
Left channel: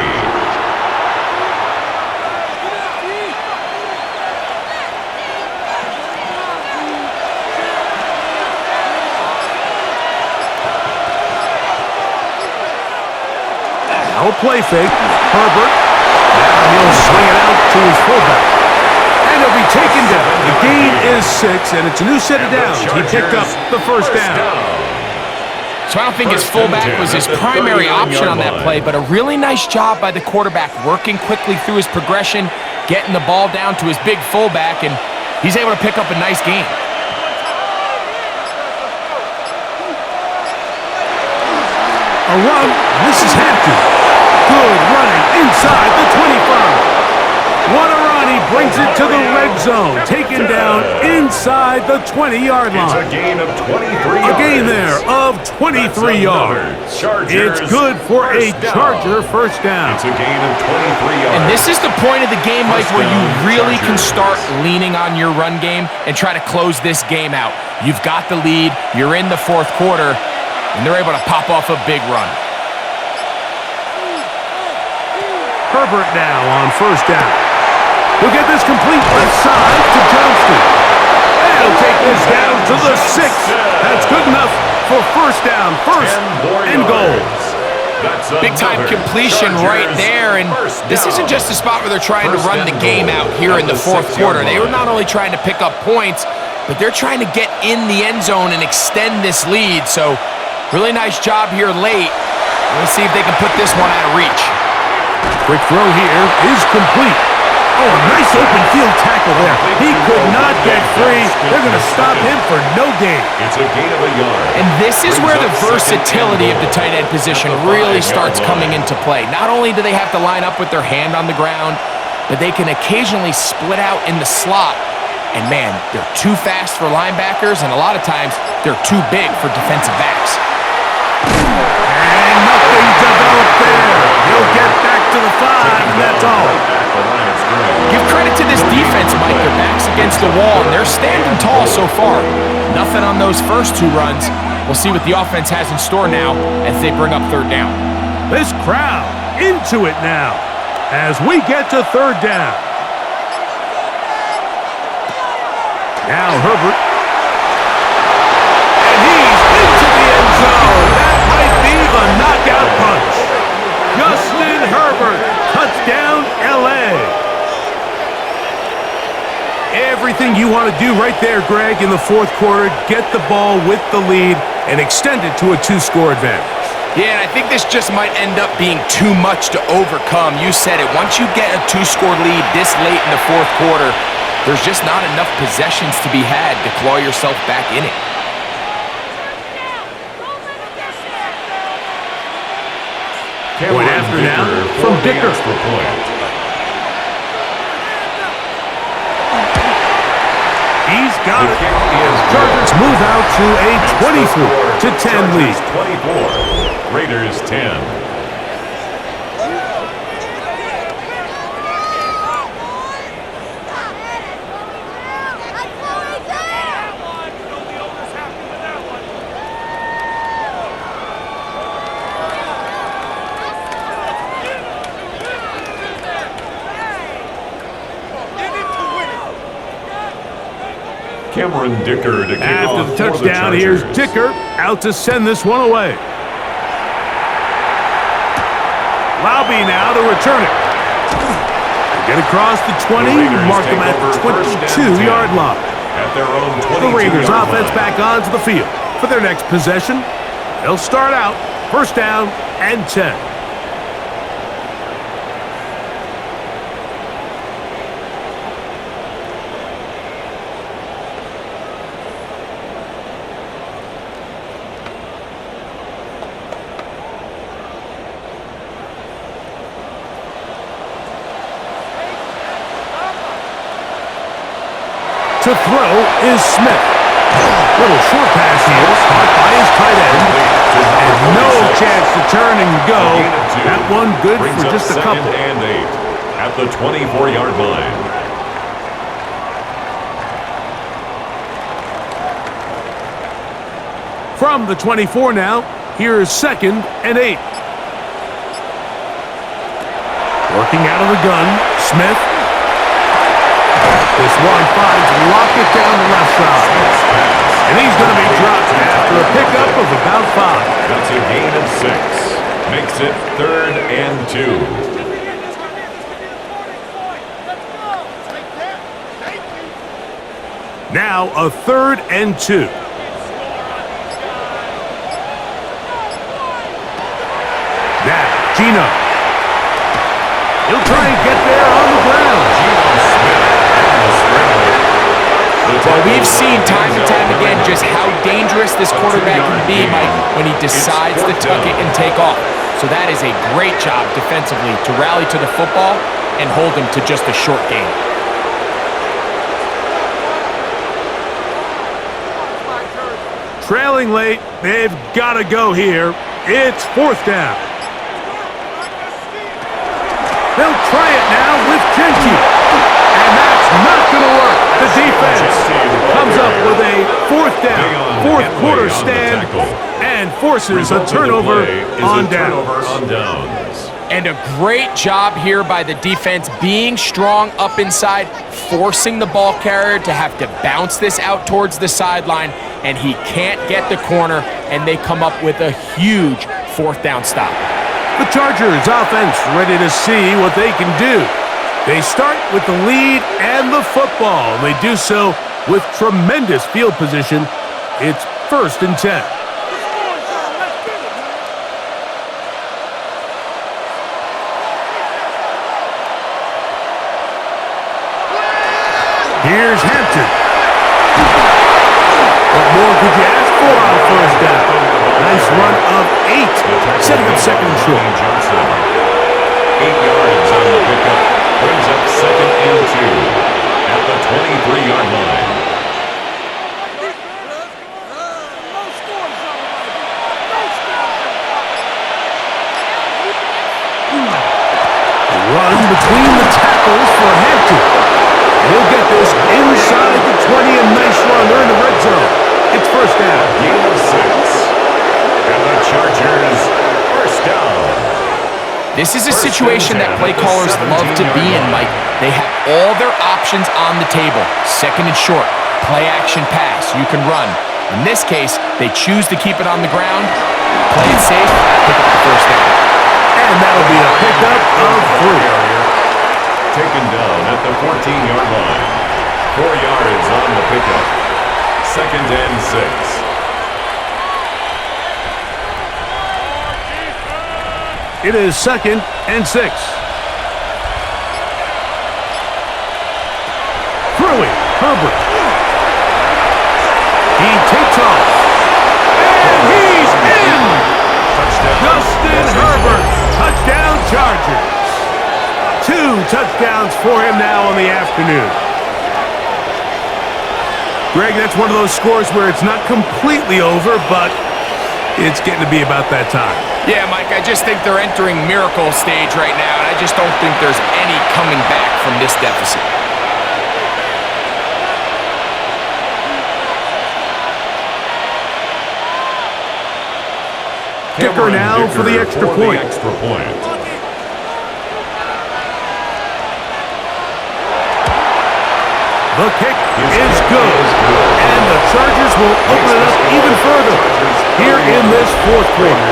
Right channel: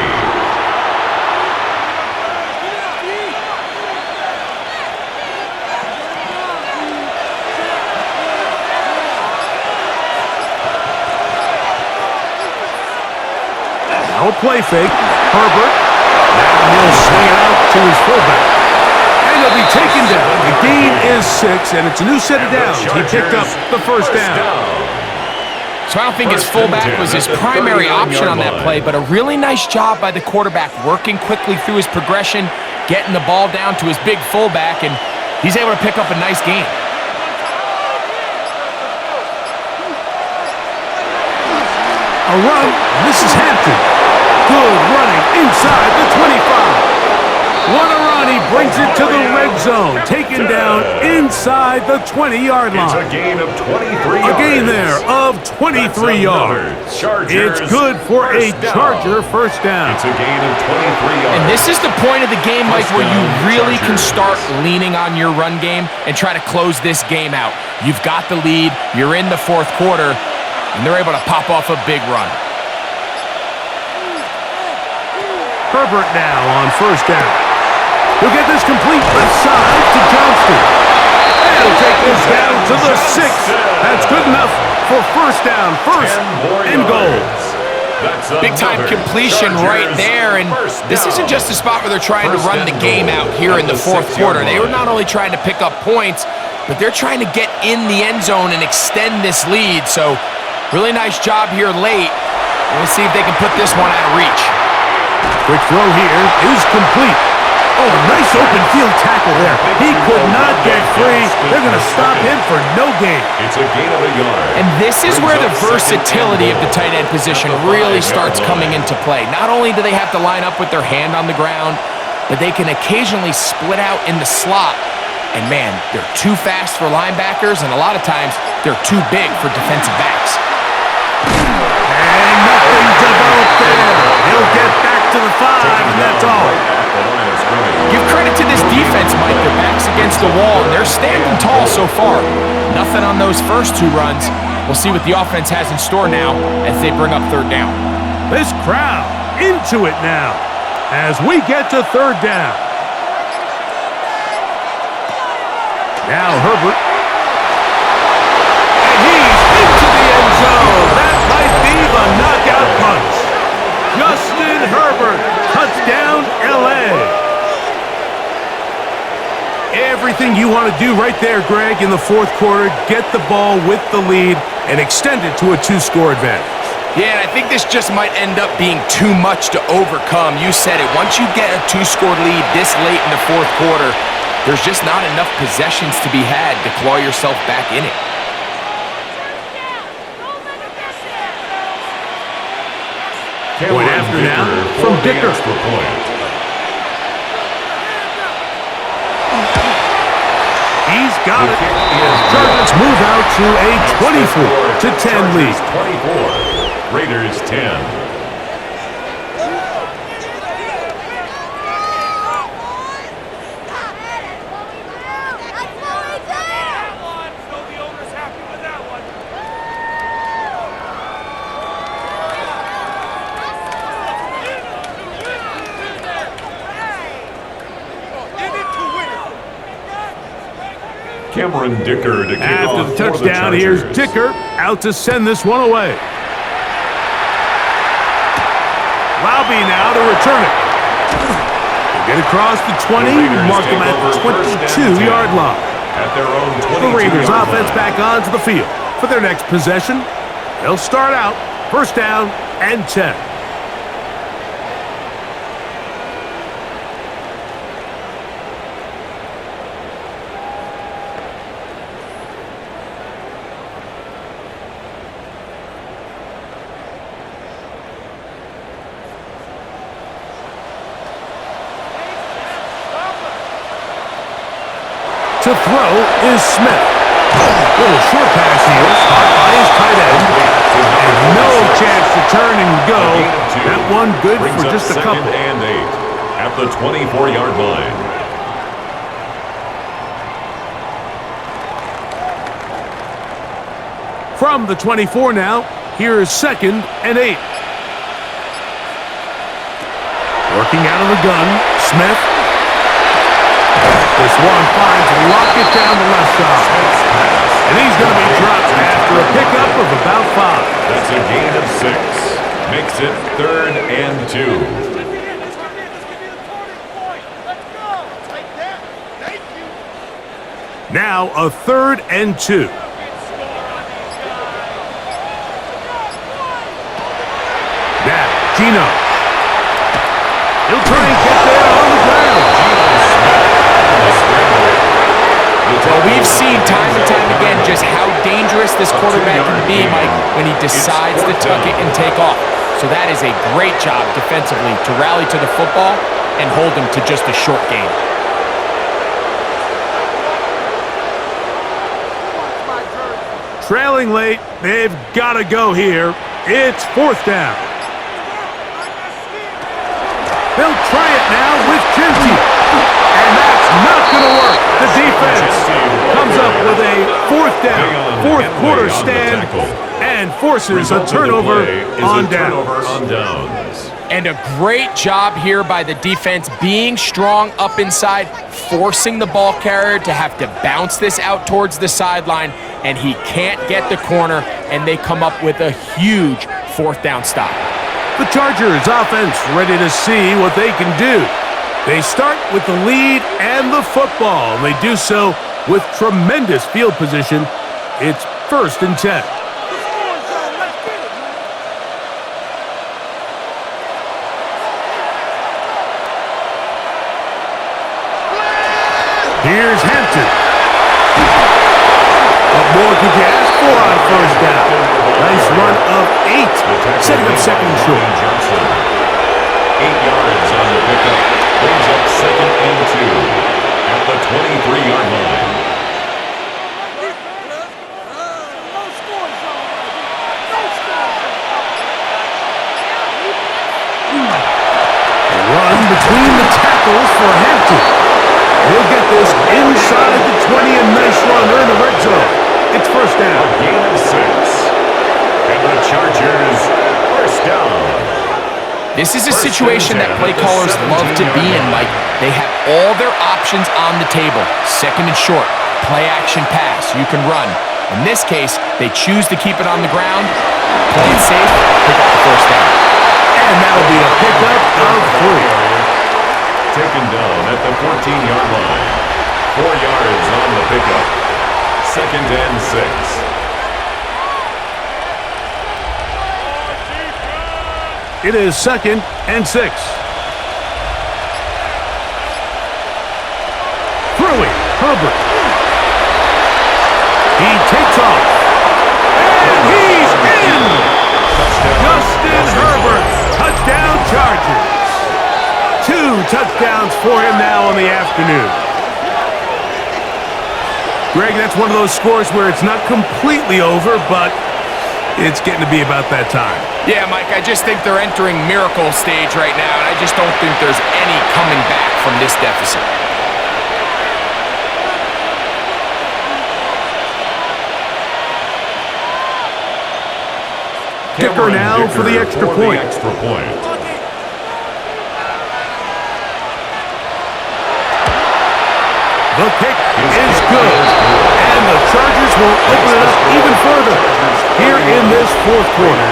Now a play fake. Herbert. Now he'll swing it out to his fullback. And he'll be taken down. The gain is 6, and it's a new set of downs. He picked up the 1st down. So I don't think his fullback was his primary option on that play, but a really nice job by the quarterback working quickly through his progression, getting the ball down to his big fullback, and he's able to pick up a nice gain. A run. This is Hampton. Good running inside the 25. What a run. He brings it to the red zone. Taken down inside the 20-yard line. It's a gain of 23 yards. A gain there of 23 yards. It's good for a Charger 1st down. It's a gain of 23 yards. And this is the point of the game, Mike, where you really can start leaning on your run game and try to close this game out. You've got the lead. You're in the 4th quarter, and they're able to pop off a big run. Herbert now on 1st down. He'll get this complete left side to Johnston. And he'll take this down to the 6. That's good enough for 1st down, 1st and goal. Big-time completion right there, and this isn't just a spot where they're trying to run the game out here in the 4th quarter. They were not only trying to pick up points, but they're trying to get in the end zone and extend this lead. So really nice job here late. Let's see if they can put this one out of reach. Quick throw here is complete. Oh, nice open field tackle there. He could not get free. They're going to stop him for no gain. It's a gain of a yard. And this is where the versatility of the tight end position really starts coming into play. Not only do they have to line up with their hand on the ground, but they can occasionally split out in the slot. And man, they're too fast for linebackers, and a lot of times they're too big for defensive backs. And nothing developed there. He'll get back to the 5, and that's all. Give credit to this defense, Mike. Their back's against the wall, and they're standing tall so far. Nothing on those first 2 runs. We'll see what the offense has in store now as they bring up 3rd down. This crowd into it now as we get to 3rd down. Now Herbert. And he's into the end zone. That might be the knockout punch. Justin Herbert, touchdown want to do right there, Greg, in the fourth quarter. Get the ball with the lead and extend it to a 2-score advantage. Yeah, and I think this just might end up being too much to overcome. You said it. Once you get a 2-score lead this late in the fourth quarter, there's just not enough possessions to be had to claw yourself back in it. Point after now from Dicker. He's got it. Chargers move out to a 24-10 lead. 24, Raiders 10. Cameron Dicker to kick After off the for touchdown, the here's Chargers. Dicker out to send this one away. Lobby now to return it. They get across the 20, mark them at the 22-yard line. At their own 22-yard The Raiders line. offense back onto the field. For their next possession, they'll start out first down and 10. To throw is Smith. Little short pass here, caught by his tight end. And no chance to turn and go. That one good Brings for up just a couple. second and 8 at the 24-yard line. From the 24 now, here is second and 8. Working out of the gun, Smith. This one finds Lockett down the left side. And he's going to be dropped after a pickup of about 5. That's a gain of 6. Makes it 3rd and 2. Now a 3rd and 2. Now, Gino. He'll try and get there on the ground. Geno Smith on the scramble. Well, we've seen time and time again just how dangerous this quarterback can be, Mike, when he decides to tuck it and take off. So that is a great job defensively to rally to the football and hold him to just a short gain. Trailing late, they've got to go here. It's 4th down. They'll try it now with Genty. And that's not going to work. The defense comes up with a 4th down, fourth quarter stand, and forces a turnover on downs. And a great job here by the defense, being strong up inside, forcing the ball carrier to have to bounce this out towards the sideline, and he can't get the corner, and they come up with a huge 4th down stop. The Chargers offense ready to see what they can do. They start with the lead and the football, and they do so with tremendous field position. It's 1st and 10. Here's Hampton. What more could you ask for on 1st down? Nice run of 8, setting up 2nd and short. 8 yards on the pickup, brings up 2nd and 2 at the 23-yard line. Run between the tackles for Hampton. He'll get this inside the 20, a nice run. They're in the red zone. It's 1st down. A gain of 6. And the Chargers, 1st down. This is a situation that play callers love to be in, Mike. They have all their options on the table. 2nd and short, play action pass, you can run. In this case, they choose to keep it on the ground, play it safe, pick up the 1st down. And that'll be a pickup of 3. Taken down at the 14-yard line. 4 yards on the pickup. 2nd and 6. It is 2nd and 6. Throwing, Herbert. He takes off. And he's in! Touchdown. Justin Herbert, touchdown Chargers. 2 touchdowns for him now in the afternoon. Greg, that's one of those scores where it's not completely over, but it's getting to be about that time. Yeah, Mike, I just think they're entering miracle stage right now, and I just don't think there's any coming back from this deficit. Dicker now for the extra point. The kick is good, and the Chargers will open it up even further here in this fourth quarter.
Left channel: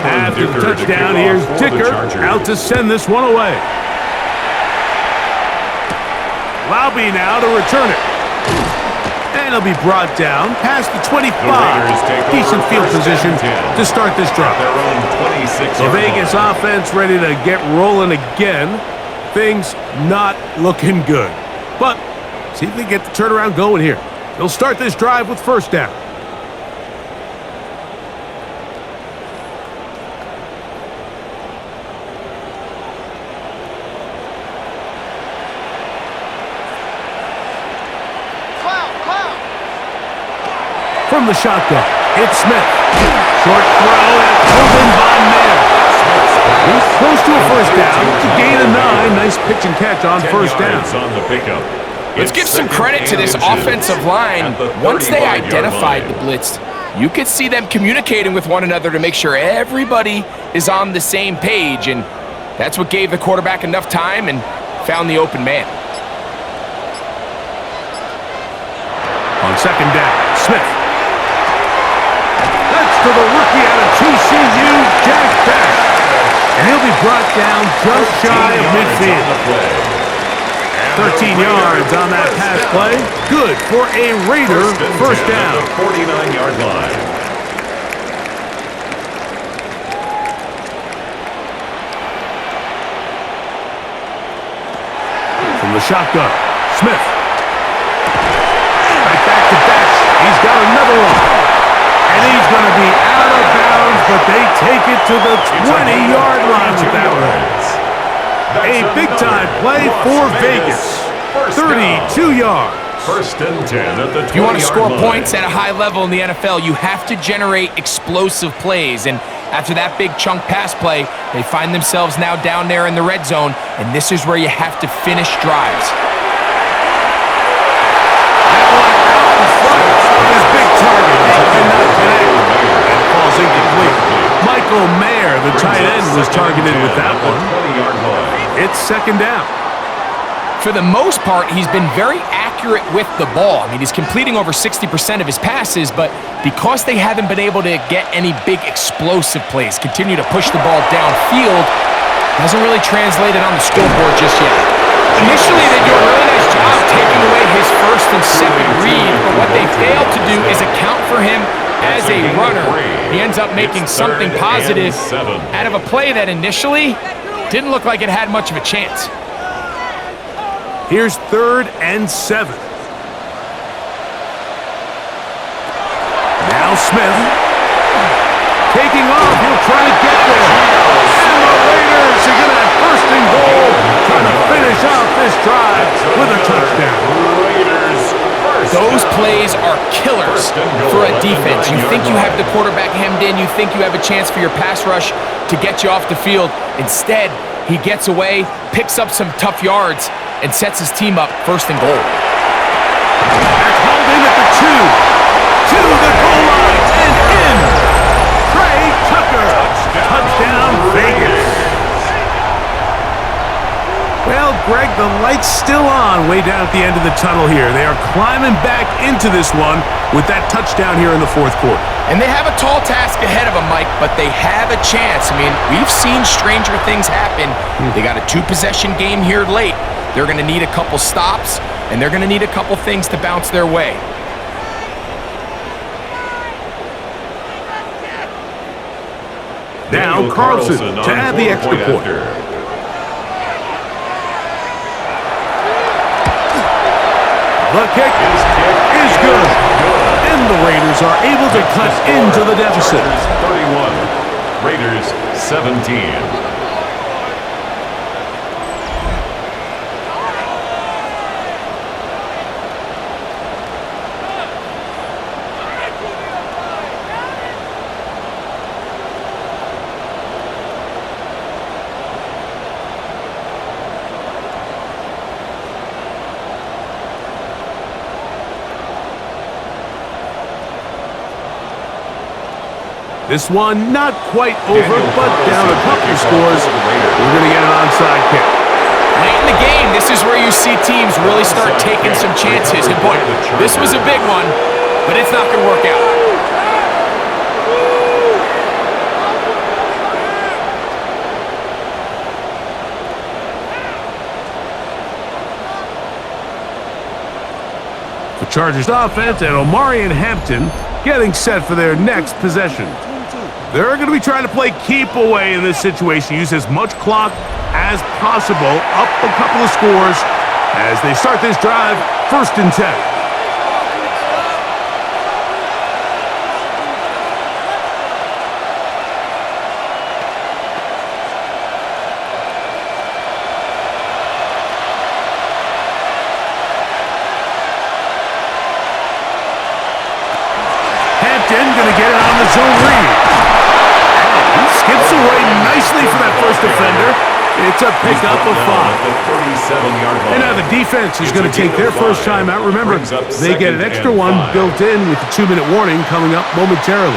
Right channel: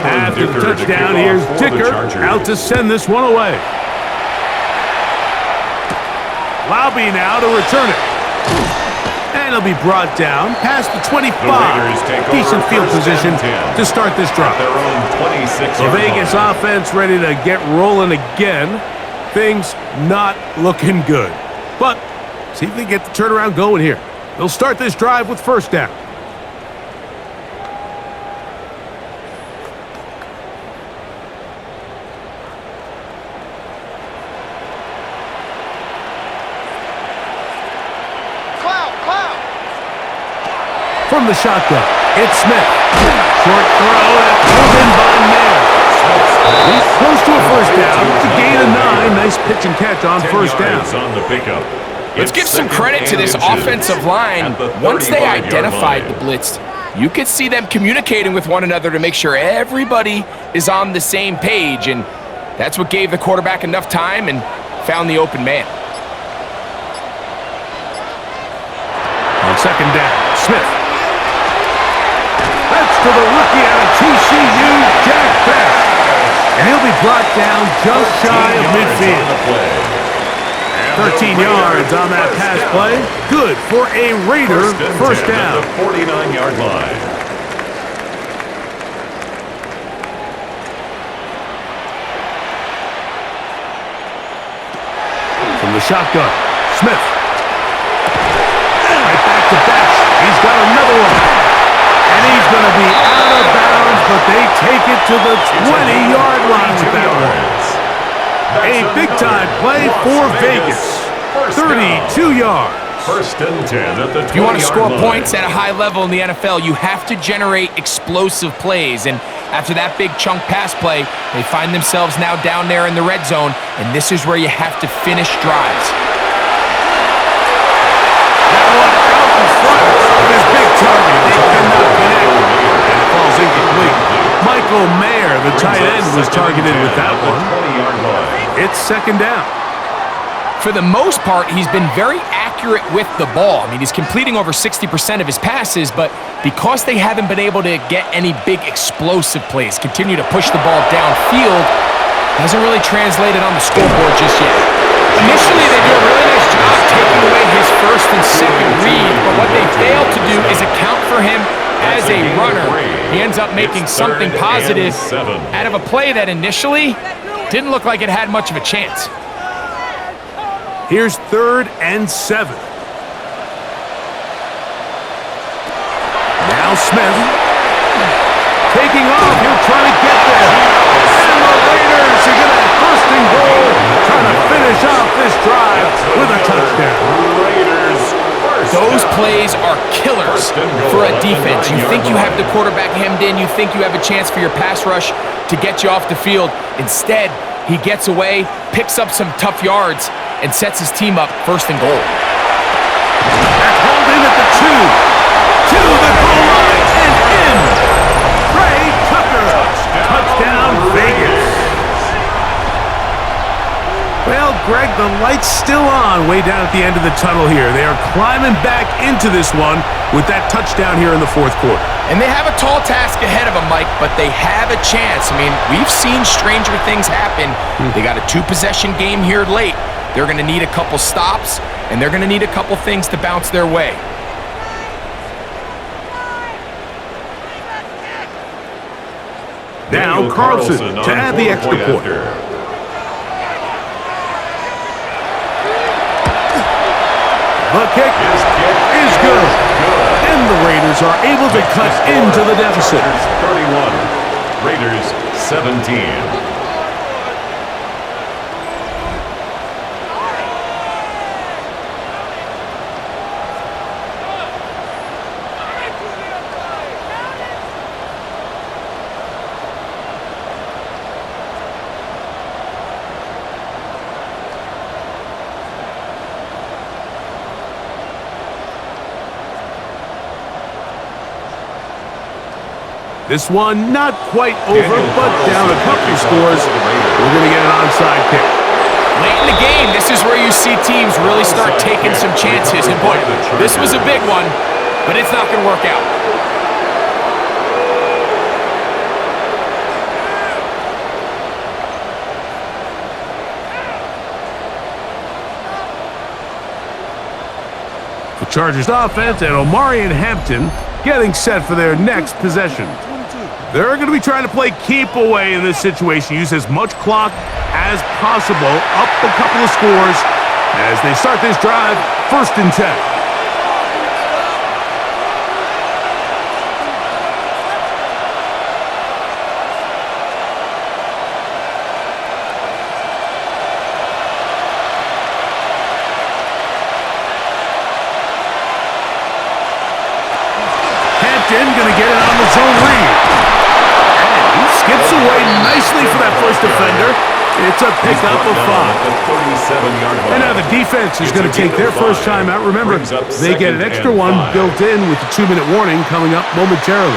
After the touchdown, here's Dicker out to send this one away. Laube now to return it. And it'll be brought down past the 25. Decent field position to start this drive. The Vegas offense ready to get rolling again. Things not looking good. But see if they get the turnaround going here. They'll start this drive with first down. From the shotgun, it's Smith. Short throw and pulled in by Mayer. He's close to a first down to gain a 9. Nice pitch and catch on first down. On the pickup. Let's give some credit to this offensive line. Once they identified the blitz, you could see them communicating with one another to make sure everybody is on the same page, and that's what gave the quarterback enough time and found the open man. On second down, Smith. That's to the rookie out of TCU, Jack Best. And he'll be brought down just shy of midfield. 13 yards on that pass play. Good for a Raider first down. At the 49-yard line. From the shotgun, Smith. Right back to Batch. He's got another one. And he's going to be out of bounds, but they take it to the 20-yard line with that one. A big-time play for Vegas. 32 yards. First and 10 at the 20-yard line. If you want to score points at a high level in the NFL, you have to generate explosive plays. And after that big chunk pass play, they find themselves now down there in the red zone, and this is where you have to finish drives. That one out in front of his big target. They cannot connect, and it falls incomplete. Michael Mayer, the tight end, was targeted with that one. It's second down. For the most part, he's been very accurate with the ball. I mean, he's completing over 60% of his passes, but because they haven't been able to get any big explosive plays, continue to push the ball downfield, hasn't really translated on the scoreboard just yet. Initially, they do a really nice job taking away his first and second read, but what they fail to do is account for him as a runner. He ends up making something positive out of a play that initially didn't look like it had much of a chance. Here's 3rd and 7. Now Smith. Taking off, he'll try to get there. And the Raiders are going to have first and goal, trying to finish off this drive with a touchdown. Those plays are killers for a defense. You think you have the quarterback hemmed in, you think you have a chance for your pass rush to get you off the field. Instead, he gets away, picks up some tough yards, and sets his team up first and goal. That's hauled in at the 2. Greg, the light's still on way down at the end of the tunnel here. They are climbing back into this one with that touchdown here in the fourth quarter. And they have a tall task ahead of them, Mike, but they have a chance. I mean, we've seen stranger things happen. They got a 2-possession game here late. They're going to need a couple stops, and they're going to need a couple things to bounce their way. Now Carlson to add the extra point. The kick is good. And the Raiders are able to cut into the deficit. Chargers 31, Raiders 17. This one not quite over, but down a couple scores. We're going to get an onside kick. Late in the game, this is where you see teams really start taking some chances. And boy, this was a big one, but it's not going to work out. The Chargers offense and Omari and Hampton getting set for their next possession. They're going to be trying to play keep away in this situation, use as much clock as possible, up a couple of scores as they start this drive, 1st and 10. Going to get it on the zone read. And he skips away nicely for that first defender. It's a pickup of 5. And now the defense is going to take their first time out. Remember, they get an extra one built in with the 2-minute warning coming up momentarily.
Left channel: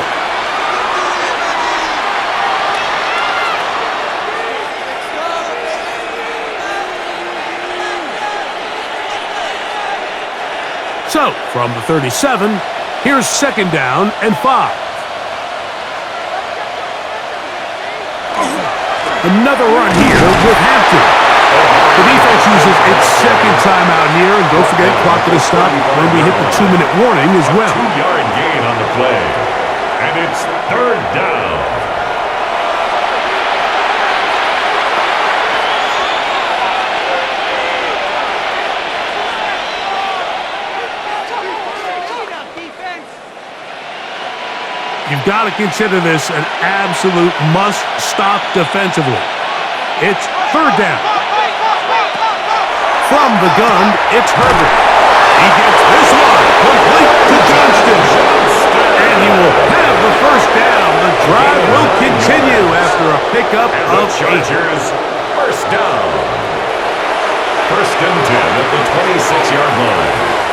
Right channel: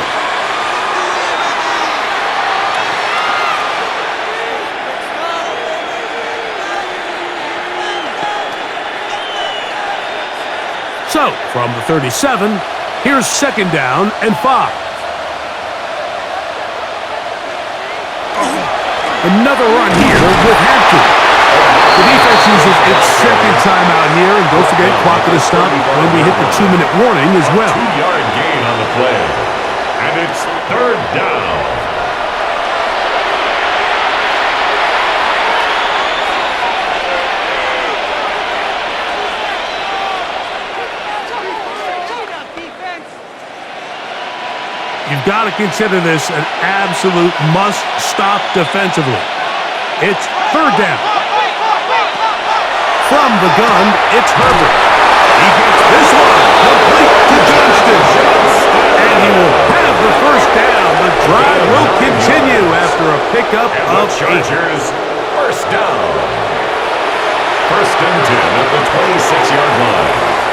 So, from the 37, here's 2nd down and 5. Another run here with Hampton. The defense uses its 2nd timeout here, and don't forget, clock to the stop when we hit the 2-minute warning as well. 2-yard gain on the play, and it's 3rd down. You've got to consider this an absolute must-stop defensively. It's 3rd down. From the gun, it's Herbert. He gets this one complete to Johnston. And he will have the 1st down. The drive will continue after a pickup of 8. Chargers 1st down. 1st and 10 at the 26-yard line.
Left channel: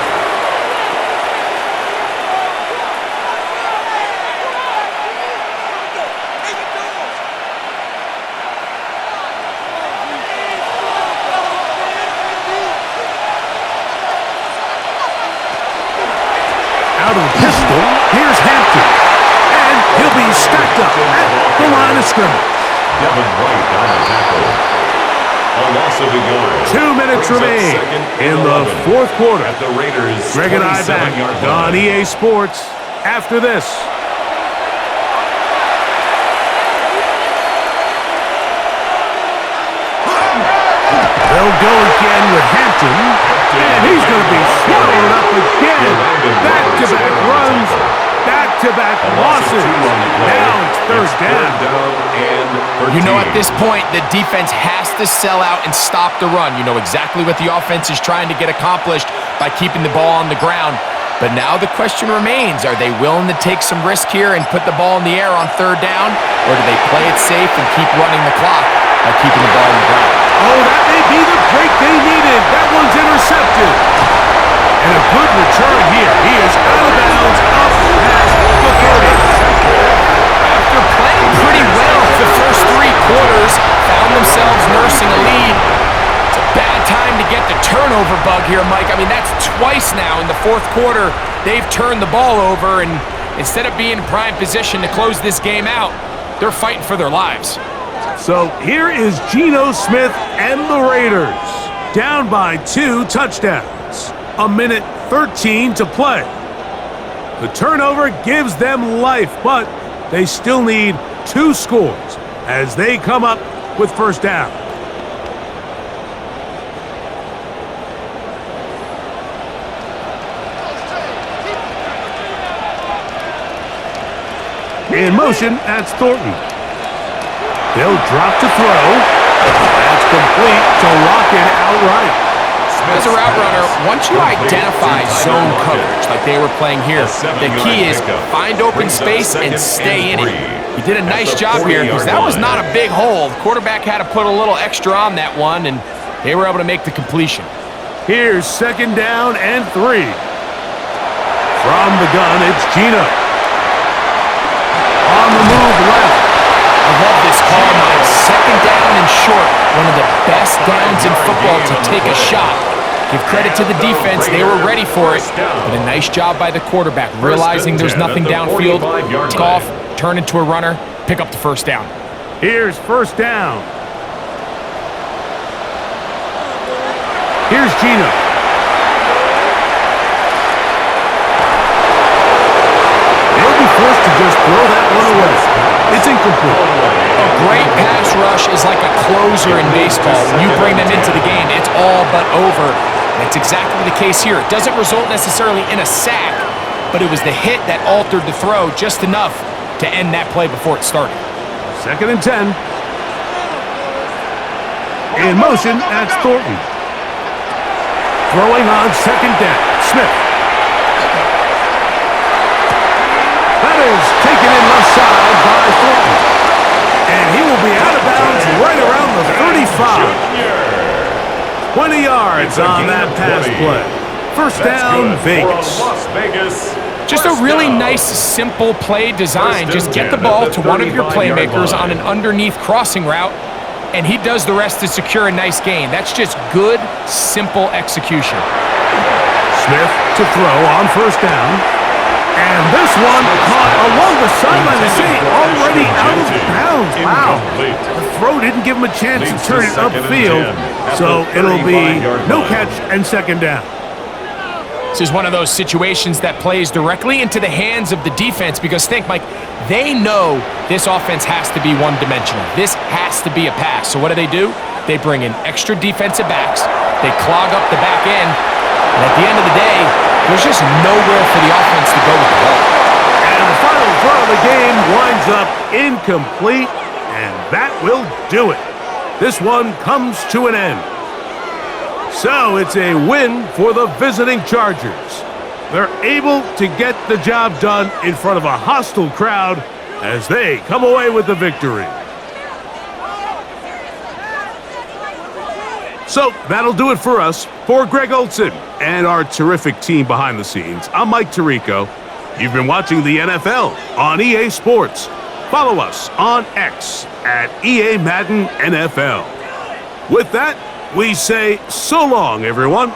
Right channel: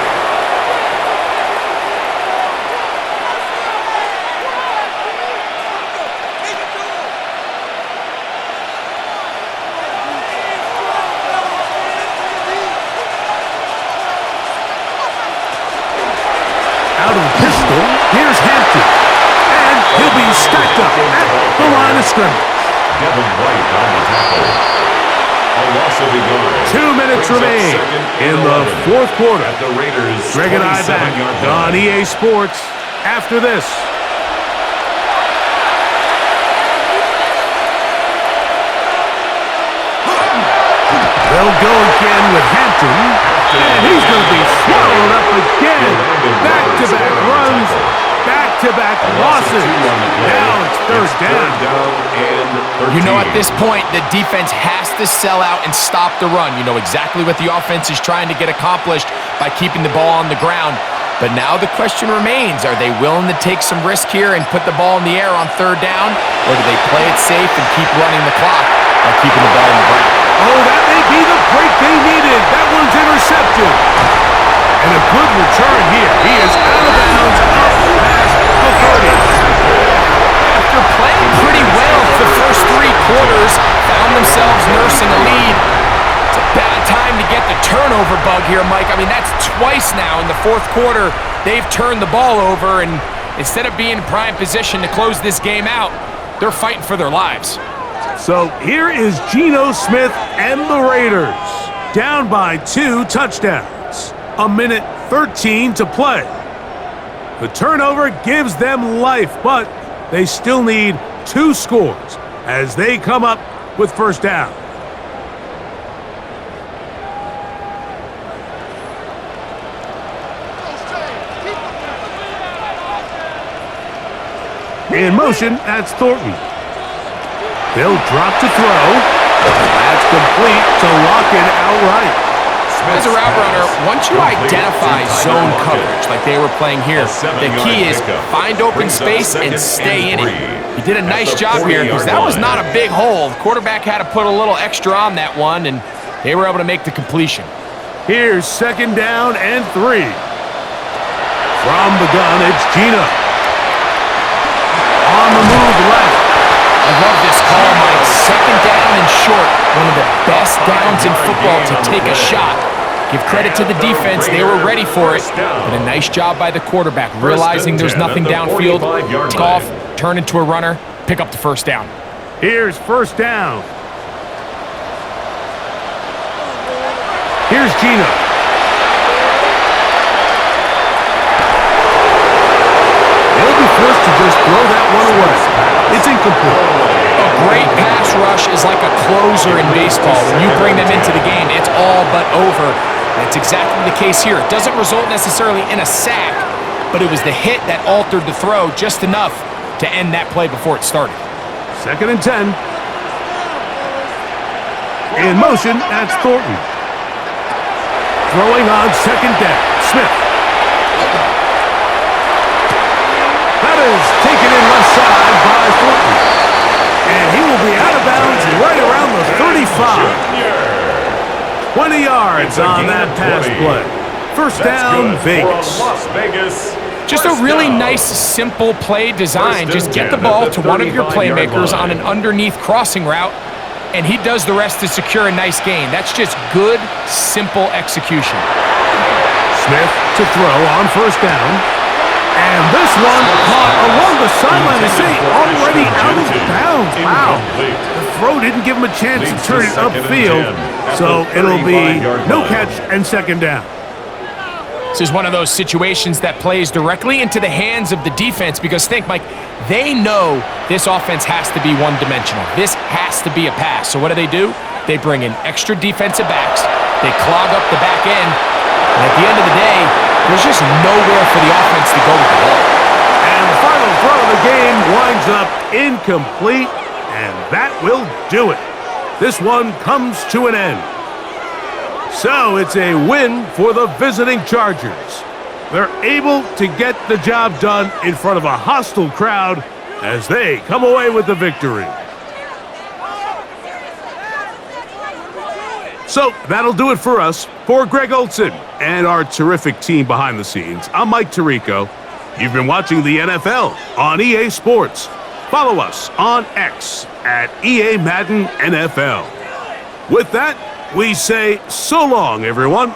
Out of the pistol, here's Hampton. And he'll be stacked up at the line of scrimmage. Devin White on the tackle. A loss of a yard. 2 minutes remain in the 4th quarter. At the Raiders' Greg and I back 27-yard on line. EA Sports after this. They'll go again with Hampton, and he's going to be swallowed up again. Back-to-back runs, back-to-back losses. Now it's 3rd down. And 13. You know, at this point, the defense has to sell out and stop the run. You know exactly what the offense is trying to get accomplished by keeping the ball on the ground. But now the question remains, are they willing to take some risk here and put the ball in the air on 3rd down? Or do they play it safe and keep running the clock by keeping the ball on the ground? Oh, that may be the break they needed. That one's intercepted. And a good return here. He is out of bounds, up past the 30. After playing pretty well the first 3 quarters, found themselves nursing a lead. It's a bad time to get the turnover bug here, Mike. I mean, that's twice now in the fourth quarter they've turned the ball over, and instead of being in prime position to close this game out, they're fighting for their lives. So here is Geno Smith and the Raiders, down by 2 touchdowns. 1:13 to play. The turnover gives them life, but they still need 2 scores as they come up with first down. In motion, that's Thornton. They'll drop to throw. That's complete to lock it outright. As a route runner, once you identify zone coverage like they were playing here, the key is find open space and stay in it. He did a nice job here because that was not a big hole. The quarterback had to put a little extra on that one, and they were able to make the completion. Here's 2nd down and 3. From the gun, it's Geno. On the move left. I love this call, Mike. 2nd down and short. One of the best downs in football to take a shot. Give credit to the defense. They were ready for it. But a nice job by the quarterback, realizing there's nothing downfield. Take off, turn into a runner, pick up the first down. Here's 1st down. Here's Geno. They'll be forced to just throw that one away. It's incomplete. A great pass rush is like a closer in baseball. When you bring them into the game, it's all but over. That's exactly the case here. It doesn't result necessarily in a sack, but it was the hit that altered the throw just enough to end that play before it started. 2nd and 10. In motion, that's Thornton. Throwing on 2nd down, Smith. That is taken in left side by Thornton. And he will be out of bounds right around the 35. 20 yards on that pass play. First down, Vegas. Just a really nice, simple play design. Just get the ball to one of your playmakers on an underneath crossing route, and he does the rest to secure a nice gain. That's just good, simple execution. Smith to throw on 1st down. And this one caught along the sideline. They say already out of bounds. Wow. The throw didn't give him a chance to turn it upfield. So it'll be no catch and 2nd down. This is one of those situations that plays directly into the hands of the defense because think, Mike, they know this offense has to be one-dimensional. This has to be a pass. So what do? They bring in extra defensive backs. They clog up the back end. And at the end of the day, there's just nowhere for the offense to go with the ball. And the final throw of the game winds up incomplete, and that will do it. This one comes to an end. So it's a win for the visiting Chargers. They're able to get the job done in front of a hostile crowd as they come away with the victory. So that'll do it for us. For Greg Olson and our terrific team behind the scenes, I'm Mike Tirico. You've been watching the NFL on EA Sports. Follow us on X at EA Madden NFL. With that, we say so long, everyone.